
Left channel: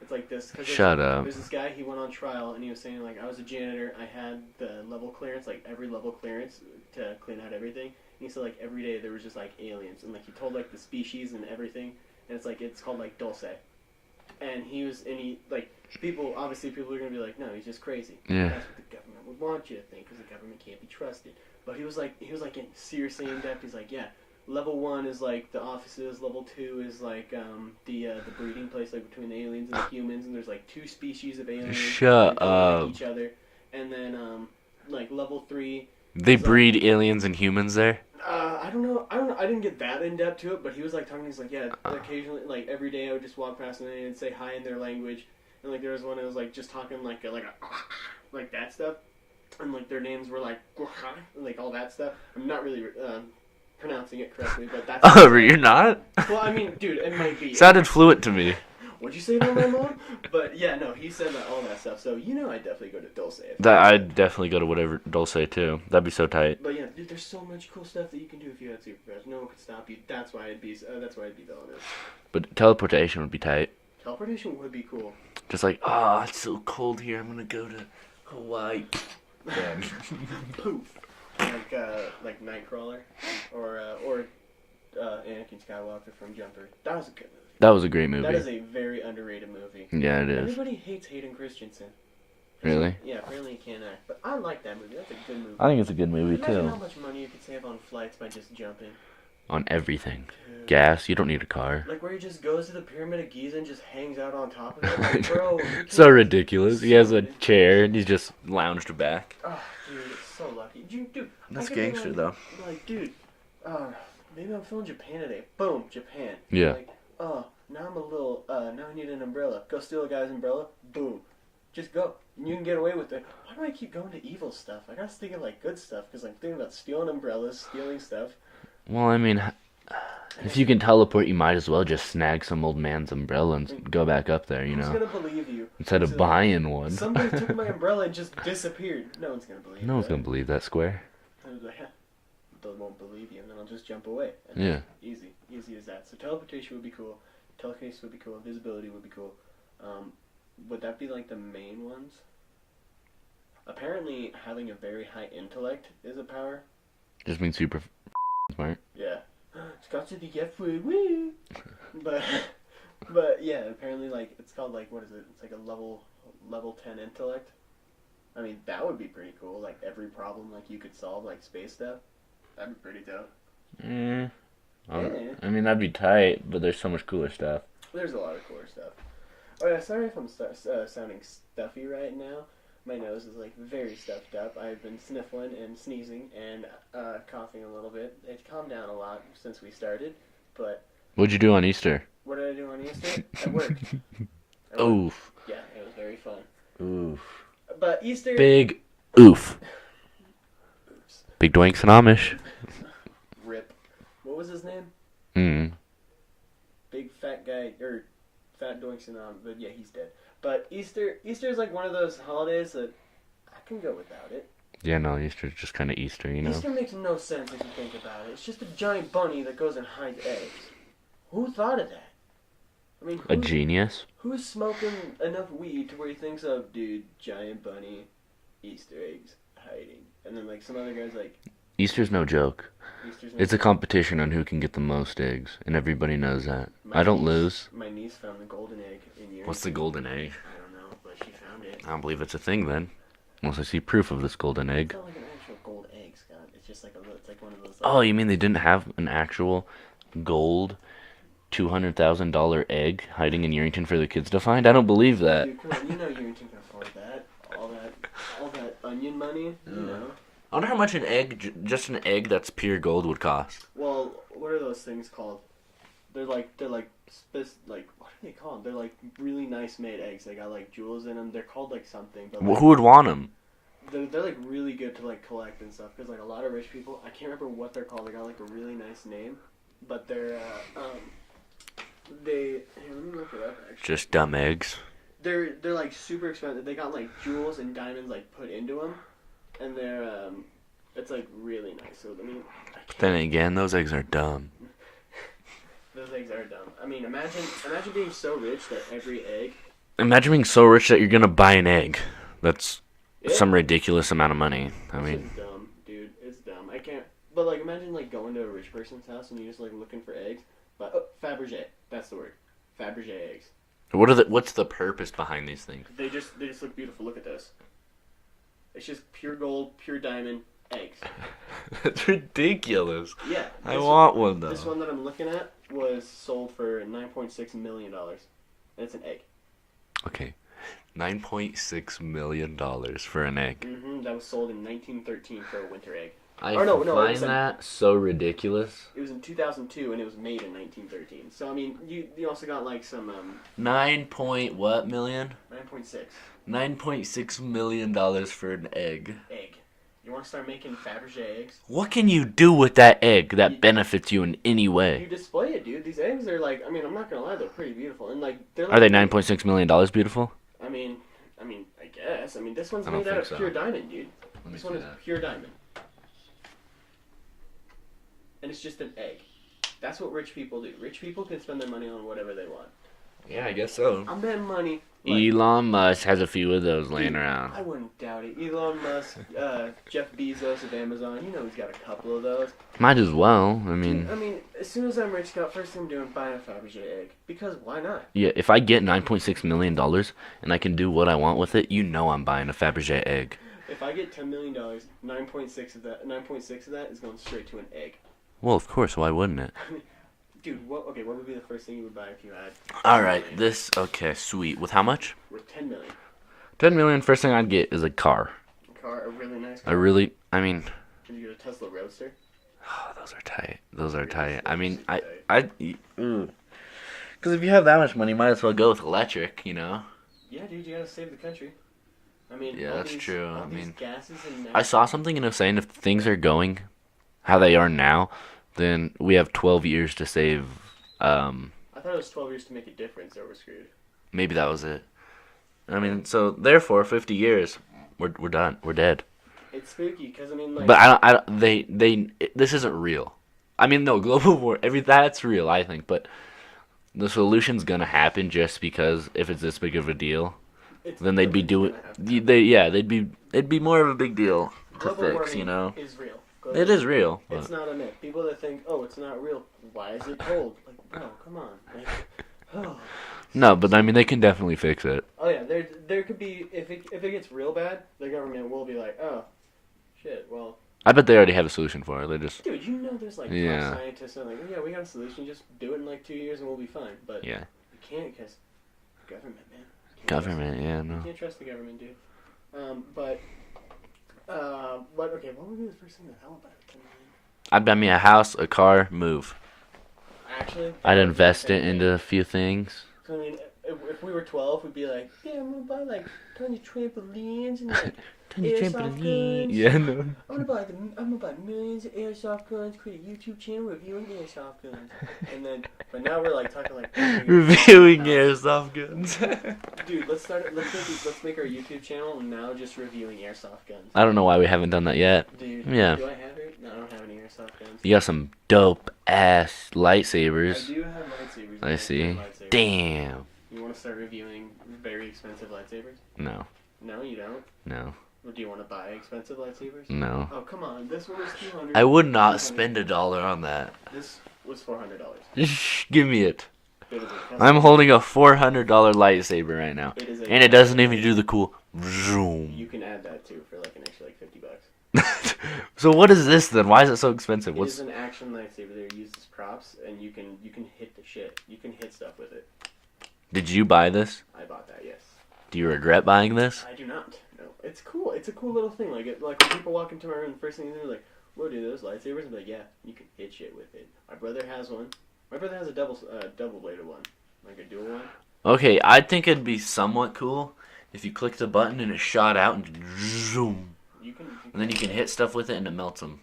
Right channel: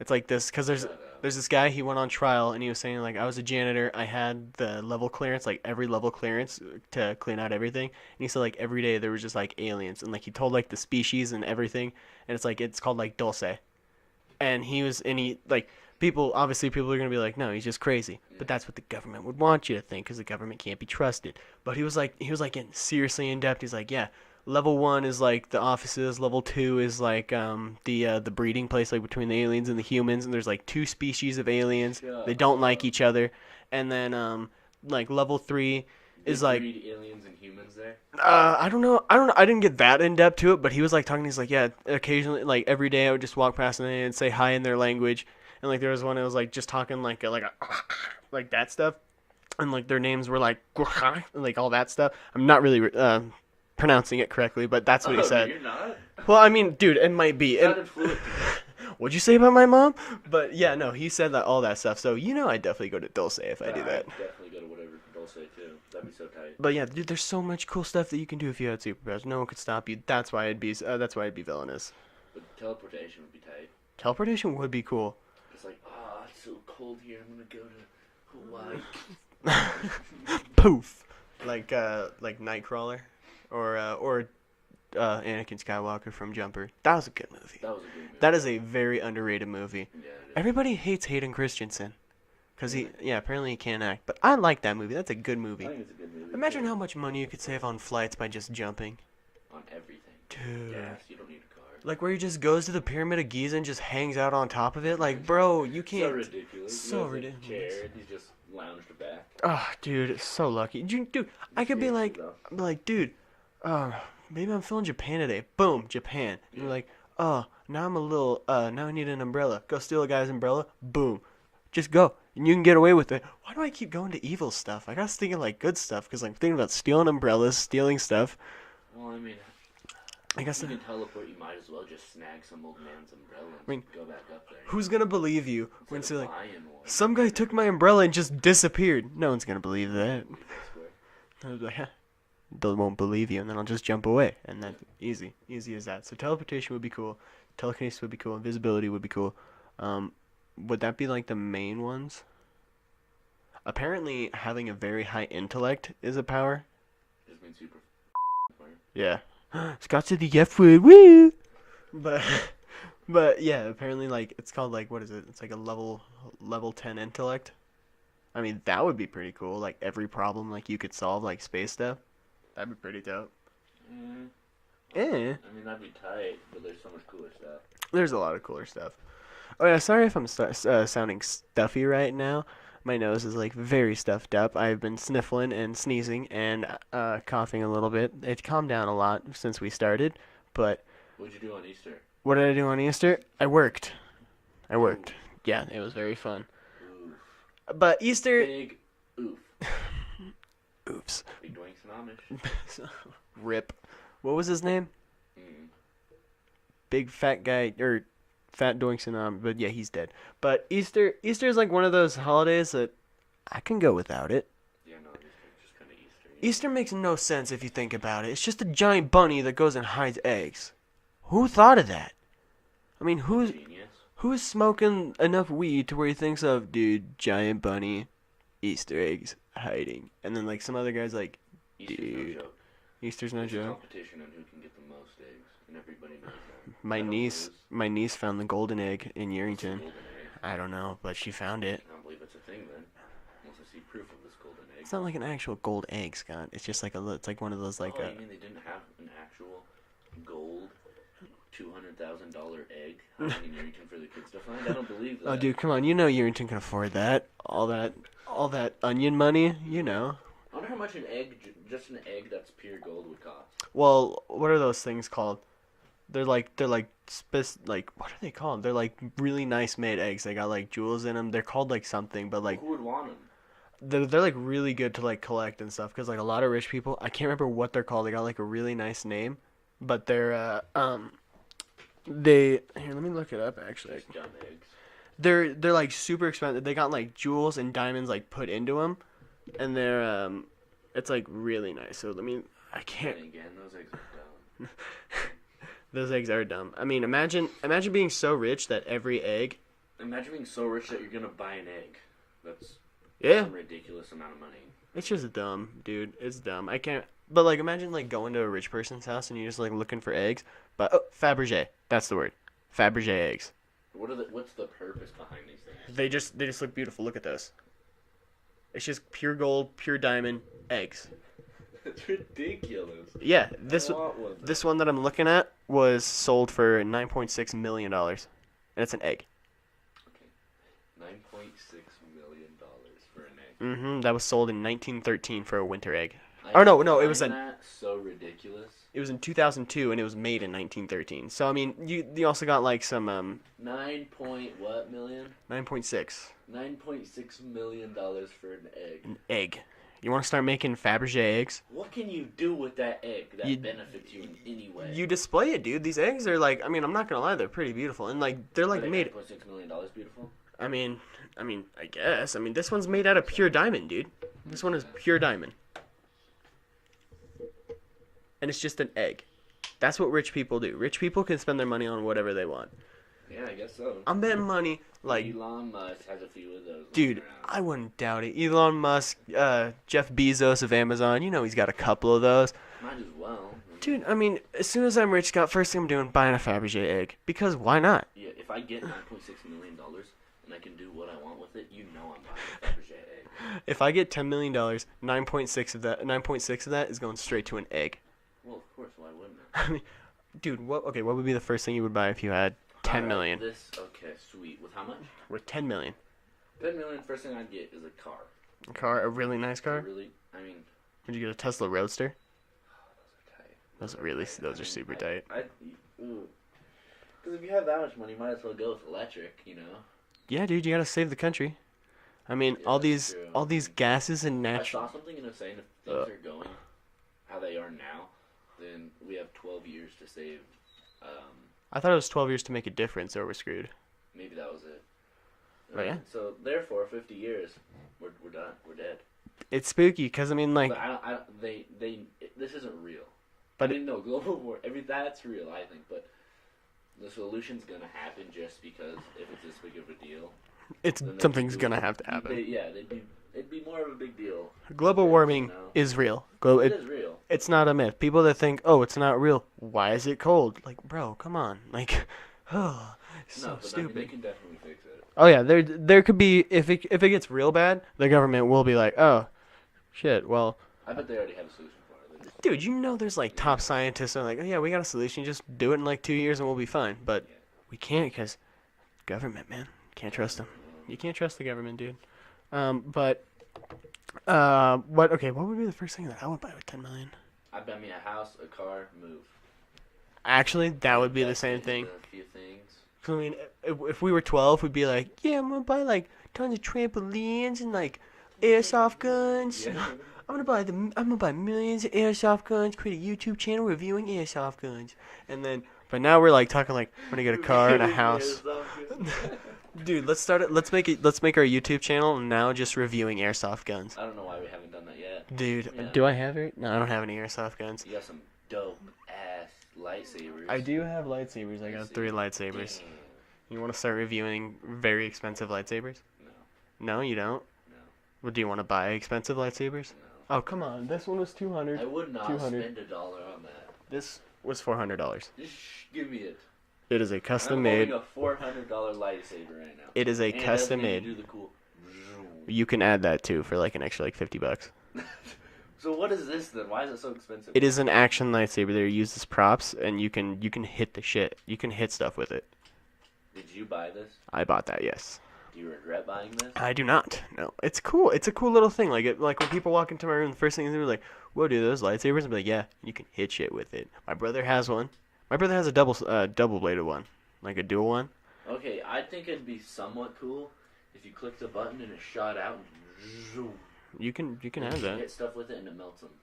It's like this because Shut up. there's this guy. He went on trial and he was saying like I was a janitor. I had the level clearance, like every level clearance to clean out everything. And he said like every day there was just like aliens and like he told like the species and everything. And it's like it's called like Dulce. And he like people are gonna be like no he's just crazy. Yeah. But that's what the government would want you to think because the government can't be trusted. But he was like getting seriously in depth. He's like yeah. Level 1 is like the offices. Level 2 is like the breeding place like between the aliens and the humans. And there's like 2 species of aliens. Shut They don't like up. each other. And then like level 3. They is, like, breed aliens and humans there? I don't know. I didn't get that in depth to it, but he was like talking. He's like yeah. Occasionally, like every day, I would just walk past an alien and say hi in their language. And like there was one that was like just talking like like that stuff. And like their names were like like all that stuff. I'm not really pronouncing it correctly, but that's what he Oh, said. you're not? Well, I mean, dude, it might be. Sounded fluent to me. What'd you say about my mom? But yeah, no, he said that all that stuff. So I'd definitely go to Dulce if I did I'd definitely go to whatever Dulce too. That'd be so tight. But yeah, dude, there's so much cool stuff that you can do if you had superpowers. No one could stop you. That's why it'd be villainous. But teleportation would be tight. Teleportation would be cool. Just like, oh, it's so cold here. I'm gonna go to Hawaii. Poof. Like Nightcrawler, or Anakin Skywalker from Jumper. That was a good movie. That was a great movie. That is a very underrated movie. Yeah, it is. Everybody hates Hayden Christensen. Really? Apparently he can't act. But I like that movie. That's a good movie. I think it's a good movie Imagine too. how much money you could save on flights by just jumping. On everything. Dude. Gas, you don't need a car. Like where he just goes to the Pyramid of Giza and just hangs out on top of it. Like, bro, you can't. So ridiculous. He So has a ridiculous. chair and he's just lounged back. Oh, dude, it's so lucky. Dude, I That's could be gangster, like, though. dude, maybe I'm feeling Japan today. Boom, Japan. Yeah. Like, now I'm a little, now I need an umbrella. Go steal a guy's umbrella. Boom. Just go. And you can get away with it. Why do I keep going to evil stuff? I was thinking, like, good stuff, because I'm thinking about stealing umbrellas, stealing stuff. Well, I mean, if you can teleport, you might as well just snag some old man's umbrella and go back up there, you Who's know? going to believe you? Instead of buying one. Some guy took my umbrella and just disappeared. No one's going to believe No that. one's gonna believe that square. I was like, they won't believe you, and then I'll just jump away. And Yeah. Easy as that. So teleportation would be cool. Telekinesis would be cool. Invisibility would be cool. Would that be like the main ones? Apparently, having a very high intellect is a power. Just means super smart. Yeah. Scott said the F word. Woo! But yeah, apparently like it's called like what is it? It's like a level 10 intellect. I mean, that would be pretty cool. Like every problem like you could solve like space stuff. That'd be pretty dope. Yeah. Yeah. I mean, that'd be tight, but there's so much cooler stuff. There's a lot of cooler stuff. Oh yeah, sorry if I'm sounding stuffy right now. My nose is like very stuffed up. I've been sniffling and sneezing and coughing a little bit. It's calmed down a lot since we started, but What'd you do on Easter? what did I do on Easter? I worked. I worked. Oof. Yeah, it was very fun. Oof. But Easter. Big oof. Oops. Big doinks and Amish. Rip. What was his name? Mm. Big fat guy or fat doinks and but yeah, he's dead. But Easter is like one of those holidays that I can go without it. Yeah, no, Easter's just kind of Easter, you know? Easter makes no sense if you think about it. It's just a giant bunny that goes and hides eggs. Who thought of that? I mean, A genius? who's smoking enough weed to where he thinks of, dude, giant bunny, Easter eggs, hiding. And then, like, some other guy's like, Easter's no joke. Easter's no It's a joke. competition on who can get the most eggs, and everybody knows that. My I don't niece- lose. My niece found the golden egg in Yerington. What's the golden egg? I don't know, but she found it. I don't believe it's a thing then. Unless I see proof of this golden egg. It's not like an actual gold egg, Scott. It's just like it's like one of those. Like, Oh, you mean they didn't have an actual gold $200,000 egg hiding in Yerington for the kids to find? I don't believe that. dude, come on, you know Yerington can afford that. All that onion money, you know. I wonder how much an egg, just an egg that's pure gold, would cost. Well, what are those things called? They're like what are they called? They're like really nice made eggs. They got like jewels in them. They're called like something, but like Who would want them? they're like really good to like collect and stuff. Cause like a lot of rich people, I can't remember what they're called. They got like a really nice name, but they're here, let me look it up actually. Just dumb eggs. They're like super expensive. They got like jewels and diamonds like put into them, and they're it's like really nice. So I mean, I can't. Then again, those eggs are dumb. Those eggs are dumb. I mean, imagine being so rich that every egg Imagine being so rich that you're gonna buy an egg. That's Yeah. some ridiculous amount of money. I It's mean, just dumb, dude. It's dumb. I can't. But like, imagine like going to a rich person's house and you're just like looking for eggs. But Fabergé, that's the word. Fabergé eggs. what's the purpose behind these things? They just look beautiful. Look at those. It's just pure gold, pure diamond eggs. That's ridiculous. Yeah, I want one though. this one that I'm looking at was sold for $9.6 million, and it's an egg. Okay, $9.6 million for an egg. That was sold in 1913 for a winter egg. I Or no, it find was that so ridiculous. It was in 2002, and it was made in 1913. So I mean, you also got like some 9 point what million? 9.6 $9.6 million for an egg. egg. You want to start making Fabergé eggs? What can you do with that egg that You- benefits you in any way? You display it, dude. These eggs are like, I mean, I'm not gonna lie, they're pretty beautiful, and like they're like. Are they $9.6 million beautiful? I mean, I guess. I mean, this one's I don't made out of think so. pure diamond, dude. This one is pure diamond. And it's just an egg. That's what rich people do. Rich people can spend their money on whatever they want. Yeah, I guess so. I'm betting money. Like, Elon Musk has a few of those laying dude, around. I wouldn't doubt it. Elon Musk, Jeff Bezos of Amazon. You know he's got a couple of those. Might as well. I mean, Dude, I mean, as soon as I'm rich, Scott, first thing I'm doing, buying a Fabergé egg. Because why not? yeah, if I get $9.6 million and I can do what I want with it, you know I'm buying a Fabergé egg. If I get $10 million, 9.6 of that is going straight to an egg. Well, of course, why wouldn't it? Dude, what would be the first thing you would buy if you had 10 All right, million? okay, sweet. With how much? With 10 million. 10 million, first thing I'd get is a car. A car, a really nice car. Would you Would you get a Tesla Roadster? oh, those are tight. Those are really- tight. those I are mean, super tight. because if you have that much money, you might as well go with electric, you know? Yeah, dude, you gotta save the country. I mean, Yeah, all that's these true. all I these mean, gases and I natural. saw something and it was saying if things are going how they are now, then we have 12 years to save. I thought it was 12 years to make a difference, or we're screwed. Maybe that was it. I mean, so therefore, 50 years, we're done. We're dead. It's spooky, cause I mean, like, But this isn't real. I mean, no, global war, that's real, I think. But the solution's gonna happen just because if it's this big of a deal, it's then they'd be something's doing. gonna have to happen. It'd be more of a big deal. to Global fix, warming you know? is real. It is real. It's but- not a myth. People that think, oh, it's not real. Why is it cold? Like, bro, come on. Like, oh. No, but I mean, they can definitely fix it. Oh yeah, there could be if it gets real bad, the government will be like, oh, shit. Well, I bet they already have a solution for it. They just dude, you know, there's like Yeah. top scientists that are like, oh, yeah, we got a solution. Just do it in like 2 years and we'll be fine. But yeah, we can't because government, man. Can't trust them. government. Yeah, You no. can't trust the government, dude. But what would be the first thing that I would buy with 10 million? I'd buy me a house, a car, move. Actually, that I'd would invest be the it same thing. into a few things. I mean, if we were 12, we'd be like, yeah, I'm gonna buy like tons of trampolines and like airsoft guns. Yeah, no. I'm gonna buy millions of airsoft guns. Create a YouTube channel reviewing airsoft guns. And then, but now we're like talking like we're gonna get a car and a Reviewing house. airsoft guns. Dude, let's start it. Let's make our YouTube channel now just reviewing airsoft guns. I don't know why we haven't done that yet. Dude, Yeah. do I have it? No, I don't have any airsoft guns. You got some dope ass lightsabers. I do have lightsabers. I have see. 3 lightsabers. Damn. You want to start reviewing very expensive lightsabers? No, No, you don't. no, Well, do you want to buy expensive lightsabers? no. Oh, come on. This one was 200. I would not 200. spend $1 on that. This was $400. Just give me it. It is a custom. I'm holding a $400 lightsaber right now. It is a. And it doesn't custom even made. do the cool zoom. You can add that too for like an extra like $50. So what is this then? Why is it so expensive? It is an action lightsaber. They're used as props, and you can hit the shit. You can hit stuff with it. Did you buy this? I bought that. Yes. Do you regret buying this? I do not. No, it's cool. It's a cool little thing. Like when people walk into my room, the first thing they're like, "Whoa, dude, those lightsabers?" I'm like, "Yeah, you can hit shit with it." My brother has one. My brother has a double bladed one, like a dual one. Okay, I think it'd be somewhat cool if you click the button and it shot out and zoom. You can. And then you have can that. hit stuff with it and it melts them.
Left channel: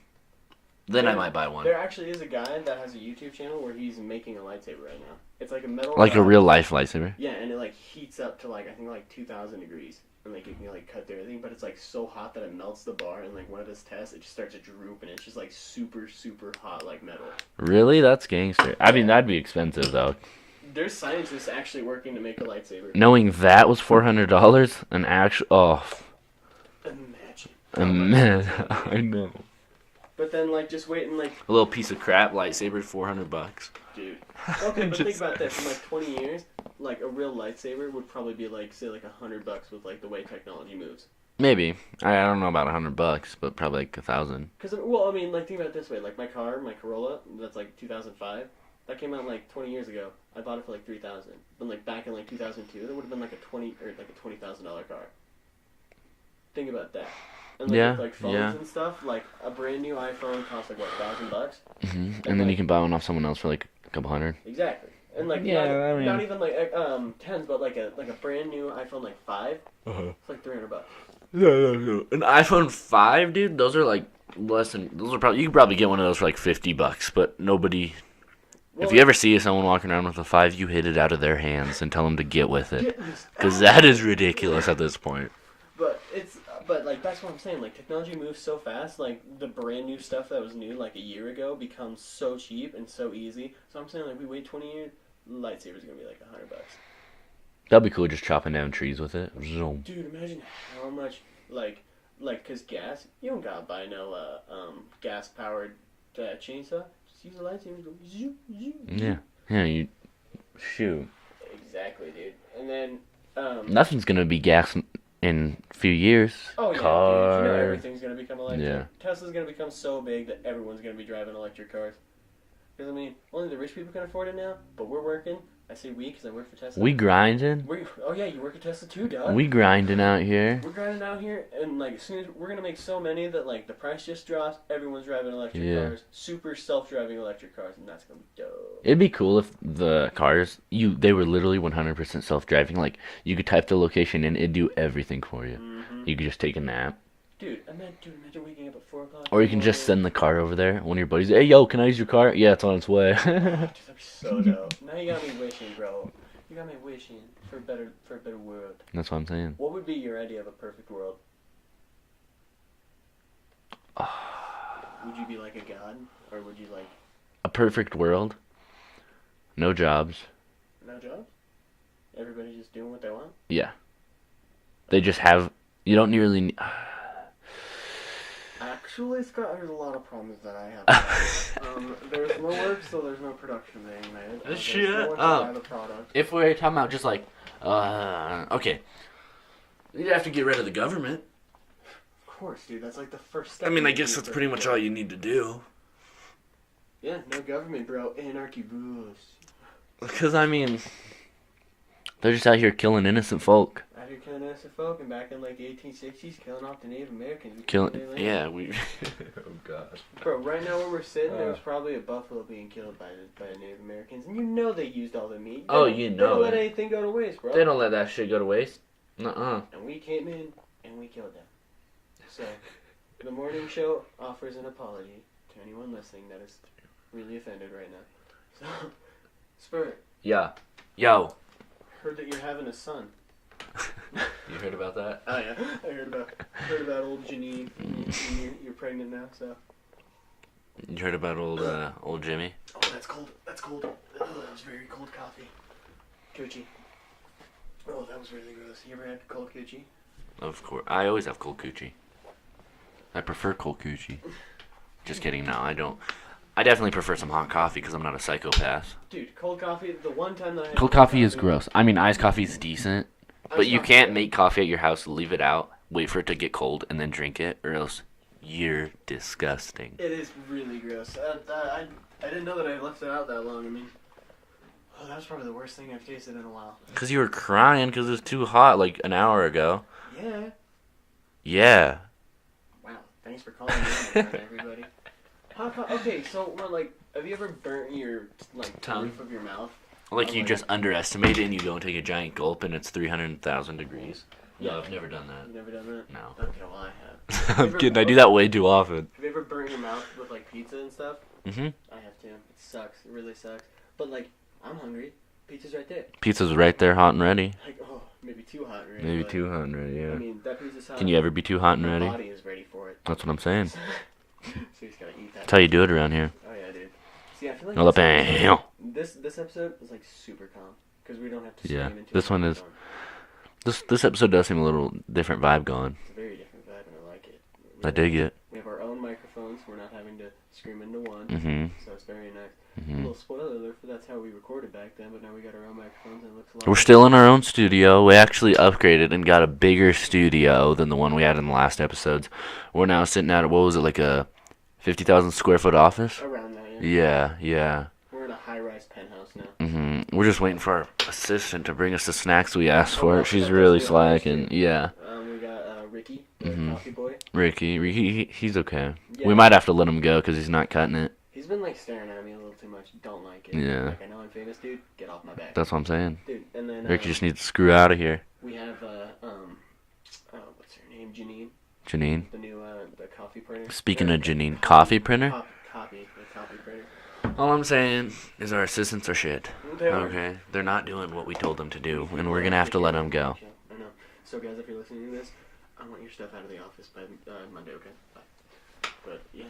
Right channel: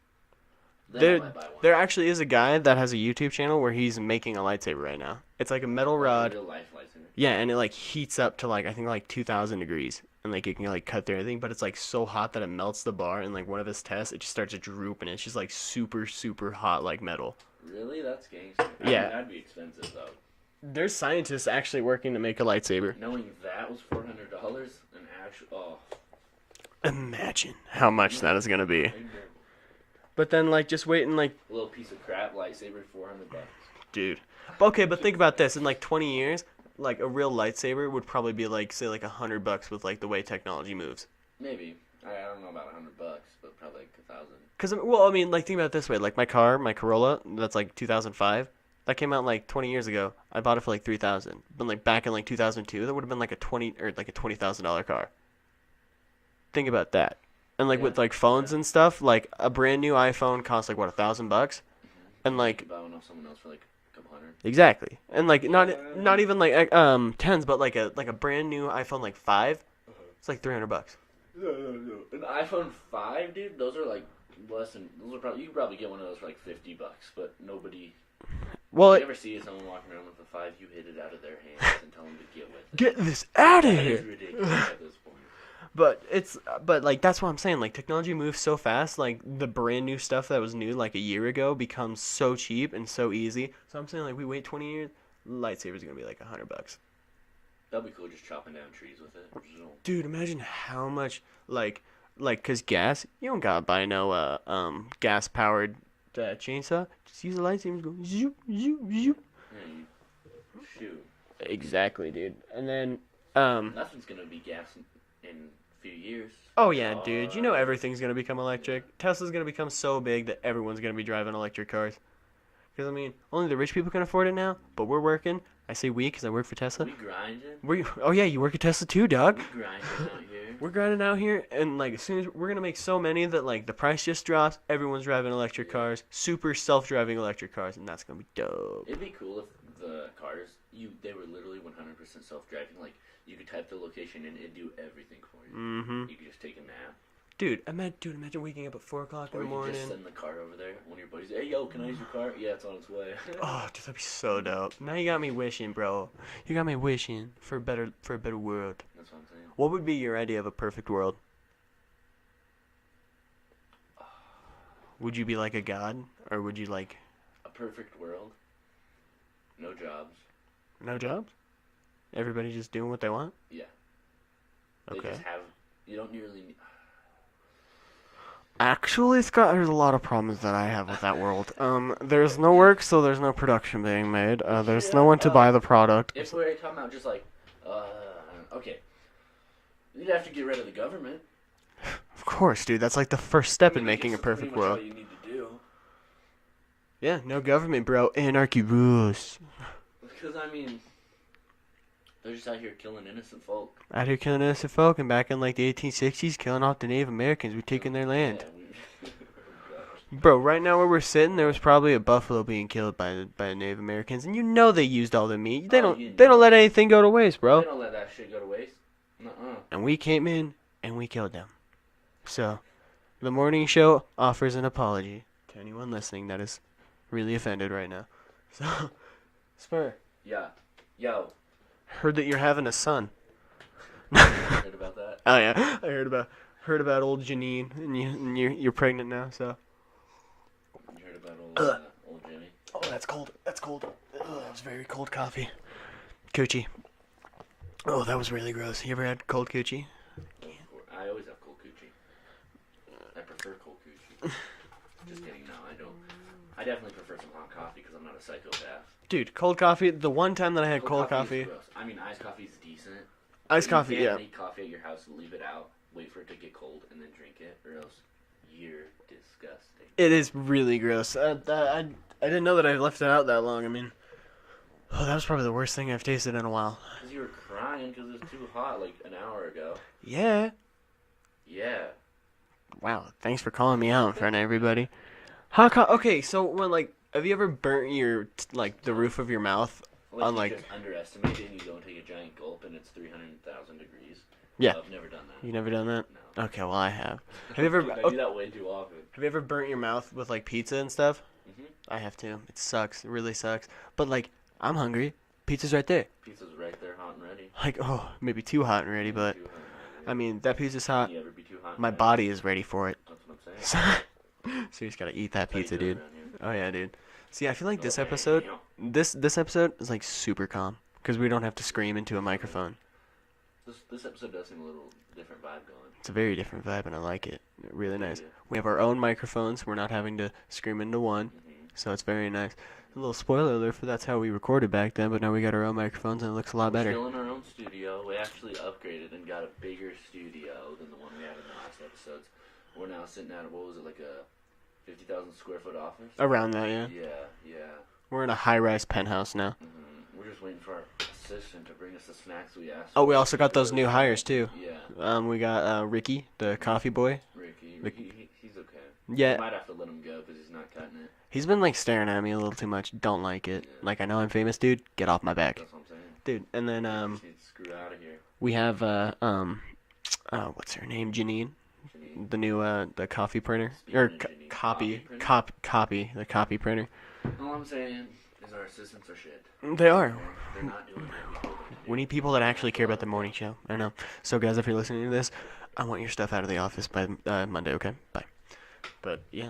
Then I might buy one. There actually is a guy that has a YouTube channel where he's making a lightsaber right now. It's like a metal Like a rod. real life lightsaber. Yeah, and it like heats up to like I think like 2,000 degrees, and like you can like cut through everything, but it's like so hot that it melts the bar. And like one of his tests, it just starts to droop, and it's just like super hot like metal. Really? That's gangster. I mean, Yeah. that'd be expensive though. There's scientists actually working to make a lightsaber. Knowing that was $400, an actual Imagine how much that's gonna be. I know. But then, like, just waiting, like, A little piece of crap lightsaber, $400. dude. Okay, but think about this. In like 20 years, like a real lightsaber would probably be like, say, like $100 with like the way technology moves. Maybe. I don't know about $100, but probably like 1,000. Cause well, I mean, like think about it this way. Like my car, my Corolla, that's like 2005. That came out like 20 years ago. I bought it for like 3,000. But like back in like 2002, that would have been like a $20,000 car. Think about that. And like Yeah, with like phones yeah. and stuff, like a brand new iPhone costs like what, $1,000? Mm-hmm. And then like you can buy one off someone else for like a couple hundred. exactly. And like Yeah, not I mean- not even like tens, but like a brand new iPhone like 5, it's like $300. No. An iPhone 5, dude. Those are like less than. Those are probably you could probably get one of those for like $50, but nobody. Well, if you ever see someone walking around with a 5, you hit it out of their hands and tell them to get with it. get this Because out that of is here. ridiculous at this point. But like that's what I'm saying. Like technology moves so fast. Like the brand new stuff that was new like a year ago becomes so cheap and so easy. So I'm saying like we wait 20 years, lightsaber's gonna be like $100. That'd be cool, just chopping down trees with it. Zoom. Dude, imagine how much like cause gas, you don't gotta buy no gas powered chainsaw. Just use a lightsaber. Go zoop zoop Yeah. zoop. Yeah. You. Shoot. Exactly, dude. And then Nothing's gonna be gas in a few years. oh yeah, dude. You know Car. everything's gonna become electric. Yeah. Tesla's gonna become so big that everyone's gonna be driving electric cars. Because I mean, only the rich people can afford it now. But we're working. I say we because I work for Tesla. We grinding. Oh yeah, you work at Tesla too, dog. We grinding out here. We're grinding out here, and like as soon as we're gonna make so many that like the price just drops, everyone's driving electric Yeah. cars, super self-driving electric cars, and that's gonna be dope. It'd be cool if the cars they were literally 100% self-driving. Like you could type the location and it'd do everything for you. Mm-hmm. You could just take a nap, Dude, imagine waking up at 4 o'clock. or you can just send the car over there. One of your buddies, hey yo, can I use your car? Yeah, it's on its way. Oh, dude, that'd be so dope. Now you got me wishing, bro. You got me wishing for a better world. That's what I'm saying. What would be your idea of a perfect world? Would you be like a god, or would you like A perfect world. No jobs. no jobs? Everybody just doing what they want? Yeah. They just have. You don't really. Actually, Scott, there's a lot of problems that I have with that world. There's no work, so there's no production being made. There's Shit. no one to buy the product. If we're talking about just like, okay, you'd have to get rid of the government. Of course, dude. That's like the first step I mean, in I making guess a that's perfect pretty much world. all you need to do. Yeah, no government, bro. Anarchy rules. Because I mean, they're just out here killing innocent folk. Out here killing innocent folk, and back in like the 1860s, killing off the Native Americans. We're taking their land. Yeah, we. Oh gosh. Bro, right now where we're sitting, there was probably a buffalo being killed by the Native Americans, and you know they used all the meat. They Oh, don't. you They don't know let it. anything go to waste, bro. They don't let that shit go to waste. Nuh-uh. And we came in and we killed them. So, the morning show offers an apology to anyone listening that is really offended right now. So, Spur, Yeah. Yo. heard that you're having a son. You heard about that? Oh yeah, I heard about old Janine, and you're pregnant now. So. You heard about old Jimmy? Oh, that's cold. That's cold. Oh, that was very cold coffee. Coochie. Oh, that was really gross. You ever had cold coochie? Of course. I always have cold coochie. I prefer cold coochie. Just kidding. No, I don't. I definitely prefer some hot coffee because I'm not a psychopath. Dude, cold coffee. The one time that I had Cold coffee is gross. I mean, iced coffee is decent, but Iced you coffee, can't yeah. make coffee at your house, leave it out, wait for it to get cold, and then drink it, or else you're disgusting. It is really gross. I didn't know that I left it out that long. I mean, oh, that was probably the worst thing I've tasted in a while. Because you were crying because it was too hot like an hour ago. Yeah. Yeah. Wow. Thanks for calling me out in front of everybody. Okay, so when have you ever burnt your the Tongue. roof of your mouth? Like on, you just underestimate it and you go and take a giant gulp and it's 300,000 degrees. Yeah. I've never done that. You never done that? No. Okay, well I have. I'm kidding. I do that way too often. Have you ever burnt your mouth with pizza and stuff? Mm-hmm. I have to. It sucks. It really sucks. But I'm hungry. Pizza's right there. Pizza's right there, hot and ready. Oh, maybe too hot and ready, but 200, yeah. I mean that pizza's hot. Can you ever be too hot and My ready? body is ready for it. That's what I'm saying. So you just gotta eat that. That's how you pizza, do it dude. around here. Oh yeah, dude. See, I feel like Oh, this bam. episode, this episode is like super calm because we don't have to scream into this a one microphone. This episode does seem a little different vibe going. It's a very different vibe, and I like it. I dig it. We have our own microphones. We're not having to scream into one, Mm-hmm. so it's very nice. A Mm-hmm. little spoiler alert for that's how we recorded back then, but now we got our own microphones, and it looks a lot We're better. still in our own studio. We actually upgraded and got a bigger studio than the one we had in the last episodes. We're now sitting at, what was it, like a 50,000 square foot office? Around that, yeah. Yeah, yeah. We're in a high-rise penthouse now. Mm-hmm. We're just waiting for our assistant to bring us the snacks we asked for. We also She's got those really new hires, slacking. too. Yeah. We got Ricky, the Mhm. coffee boy. Ricky, he's okay. Yeah. We might have to let him go because he's not cutting it. He's been like staring at me a little too much. Don't like it. Yeah. Like, I know I'm famous, dude. Get off my back. That's what I'm saying. Dude, and then Ricky just needs to screw out of here. we have what's her name? Janine, Janine. the new the coffee printer. Speaking Or of Janine, copy- coffee printer? The copy printer. All I'm saying is our assistants are shit. They are. Okay. They're not doing what we told them to do. We need And people we're that going to have actually to care let about them the go. morning show. I know. So, guys, if you're listening to this, I want your stuff out of the office by Monday, okay? Bye. But, yeah.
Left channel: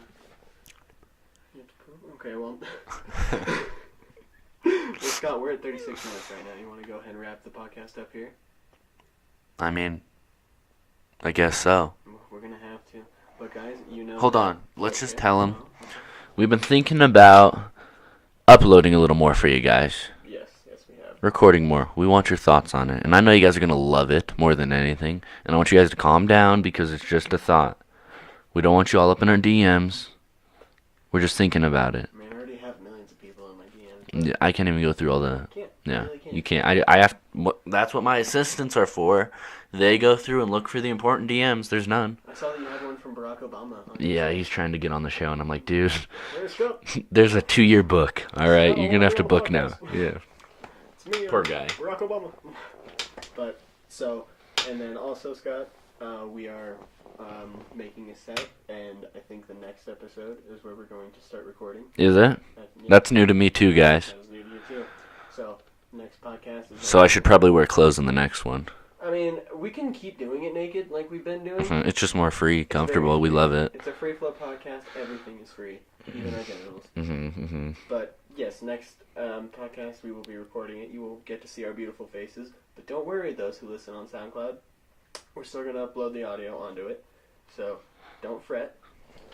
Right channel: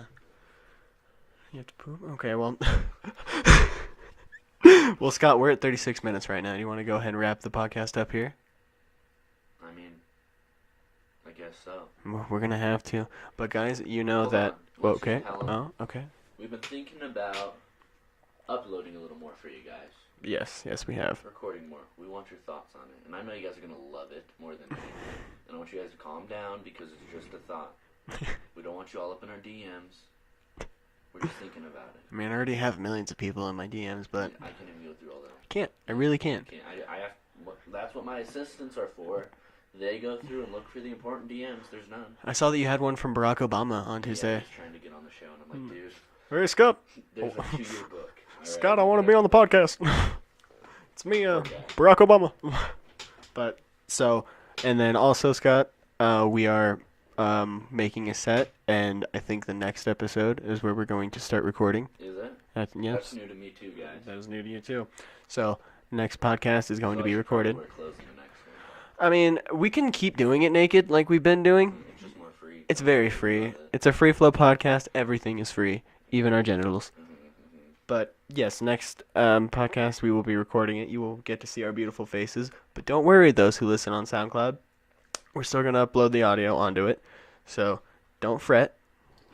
You have to poop? Okay, well. Well, Scott, we're at 36 minutes right now. You want to go ahead and wrap the podcast up here? I mean, I guess so. We're going to have to. But, guys, you know Hold that... on. Let's just Okay. tell 'em. No? Okay. We've been thinking about uploading a little more for you guys. Yes, we have. Recording more. We want your thoughts on it. And I know you guys are going to love it more than anything. And I want you guys to calm down because it's just a thought. We don't want you all up in our DMs. We're just thinking about it. I mean, I already have millions of people in my DMs, but Yeah, I can't even go through all the... can't. Yeah, I really can't. You can't. I have... That's what my assistants are for. They go through and look for the important DMs. There's none. I saw that you had one from Barack Obama on your Yeah, site. he's trying to get on the show, and I'm like, dude, Where's Scott? there's a 2-year book. All right, Scott, I you're wanna gonna be have on to the book now. podcast. Yeah. It's me, Poor guy. Barack Obama. But, so, and then also, Scott, we are making a set, and I think the next episode is where we're going to start recording. Is it? Yeah, That's new to me too, guys. that was new to you, too. So, next podcast is going to So be I should probably recorded. wear clothes in the next one. I mean, we can keep doing it naked like we've been doing. It's just more free, It's very comfortable. free. We love it. It's a free flow podcast. Everything is free, even our genitals. Mm-hmm. But yes, next podcast we will be recording it. You will get to see our beautiful faces. But don't worry, those who listen on SoundCloud, we're still gonna upload the audio onto it. So don't fret.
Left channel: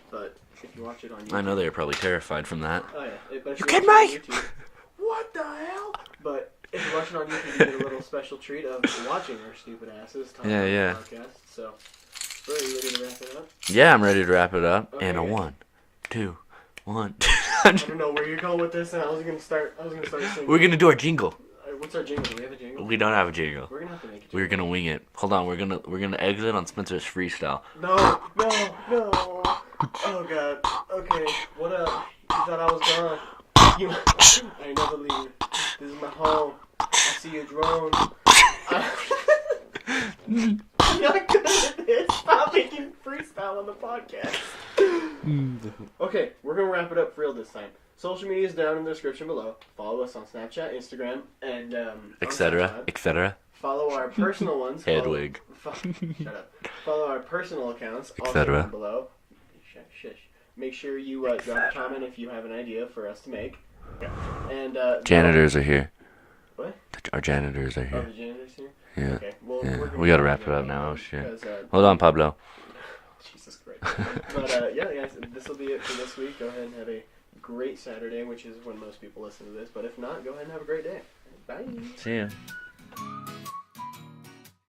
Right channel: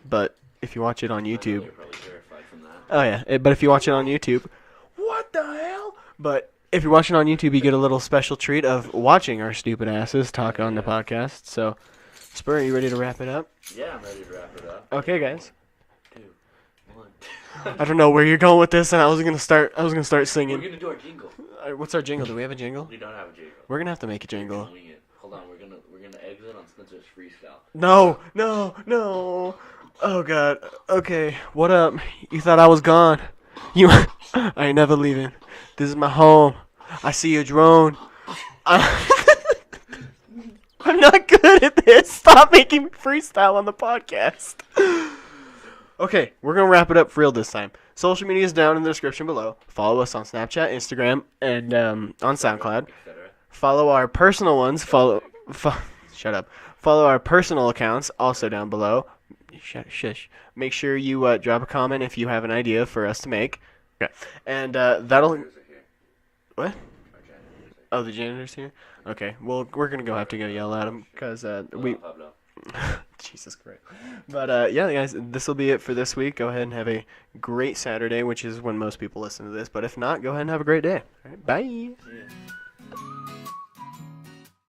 But if you watch it on YouTube, I know they're probably terrified from that. oh yeah. But if you watch it on YouTube, what the hell? But if you watch it on YouTube, you get a little special treat of watching our stupid asses talk Yeah, on yeah. the podcast. So, Spur, are you ready to wrap it up? Yeah, I'm ready to wrap it up. Okay, and guys. 1, 2, 1. I don't know where you're going with this, and I was gonna start singing. We're gonna do our jingle. What's our jingle? Do we have a jingle? We don't have a jingle. We're gonna have to make a jingle. We're gonna wing it. Hold on, we're gonna exit on Spencer's freestyle. No. Oh god. Okay. What up? You thought I was gone? You. I ain't never leaving. This is my home. I see a drone. I'm not good at this. Stop making freestyle on the podcast. Okay, we're gonna wrap it up for real this time. Social media is down in the description below. Follow us on Snapchat, Instagram, and on SoundCloud. Etc. Follow our personal ones. Hedwig. Shut up. Follow our personal accounts, also cetera. down below. Shush. Make sure you drop a comment if you have an idea for us to make. Okay. And Janitors are here. What? Our janitors are here. Oh, the janitor's here. Yeah. Okay. Well, Yeah. we're gonna We gotta have wrap to it go up yell at now, him shit. because Hold on, Pablo. Jesus Christ. But yeah, guys, this will be it for this week. Go ahead and have a great Saturday, which is when most people listen to this. But if not, go ahead and have a great day. All right, bye. See ya.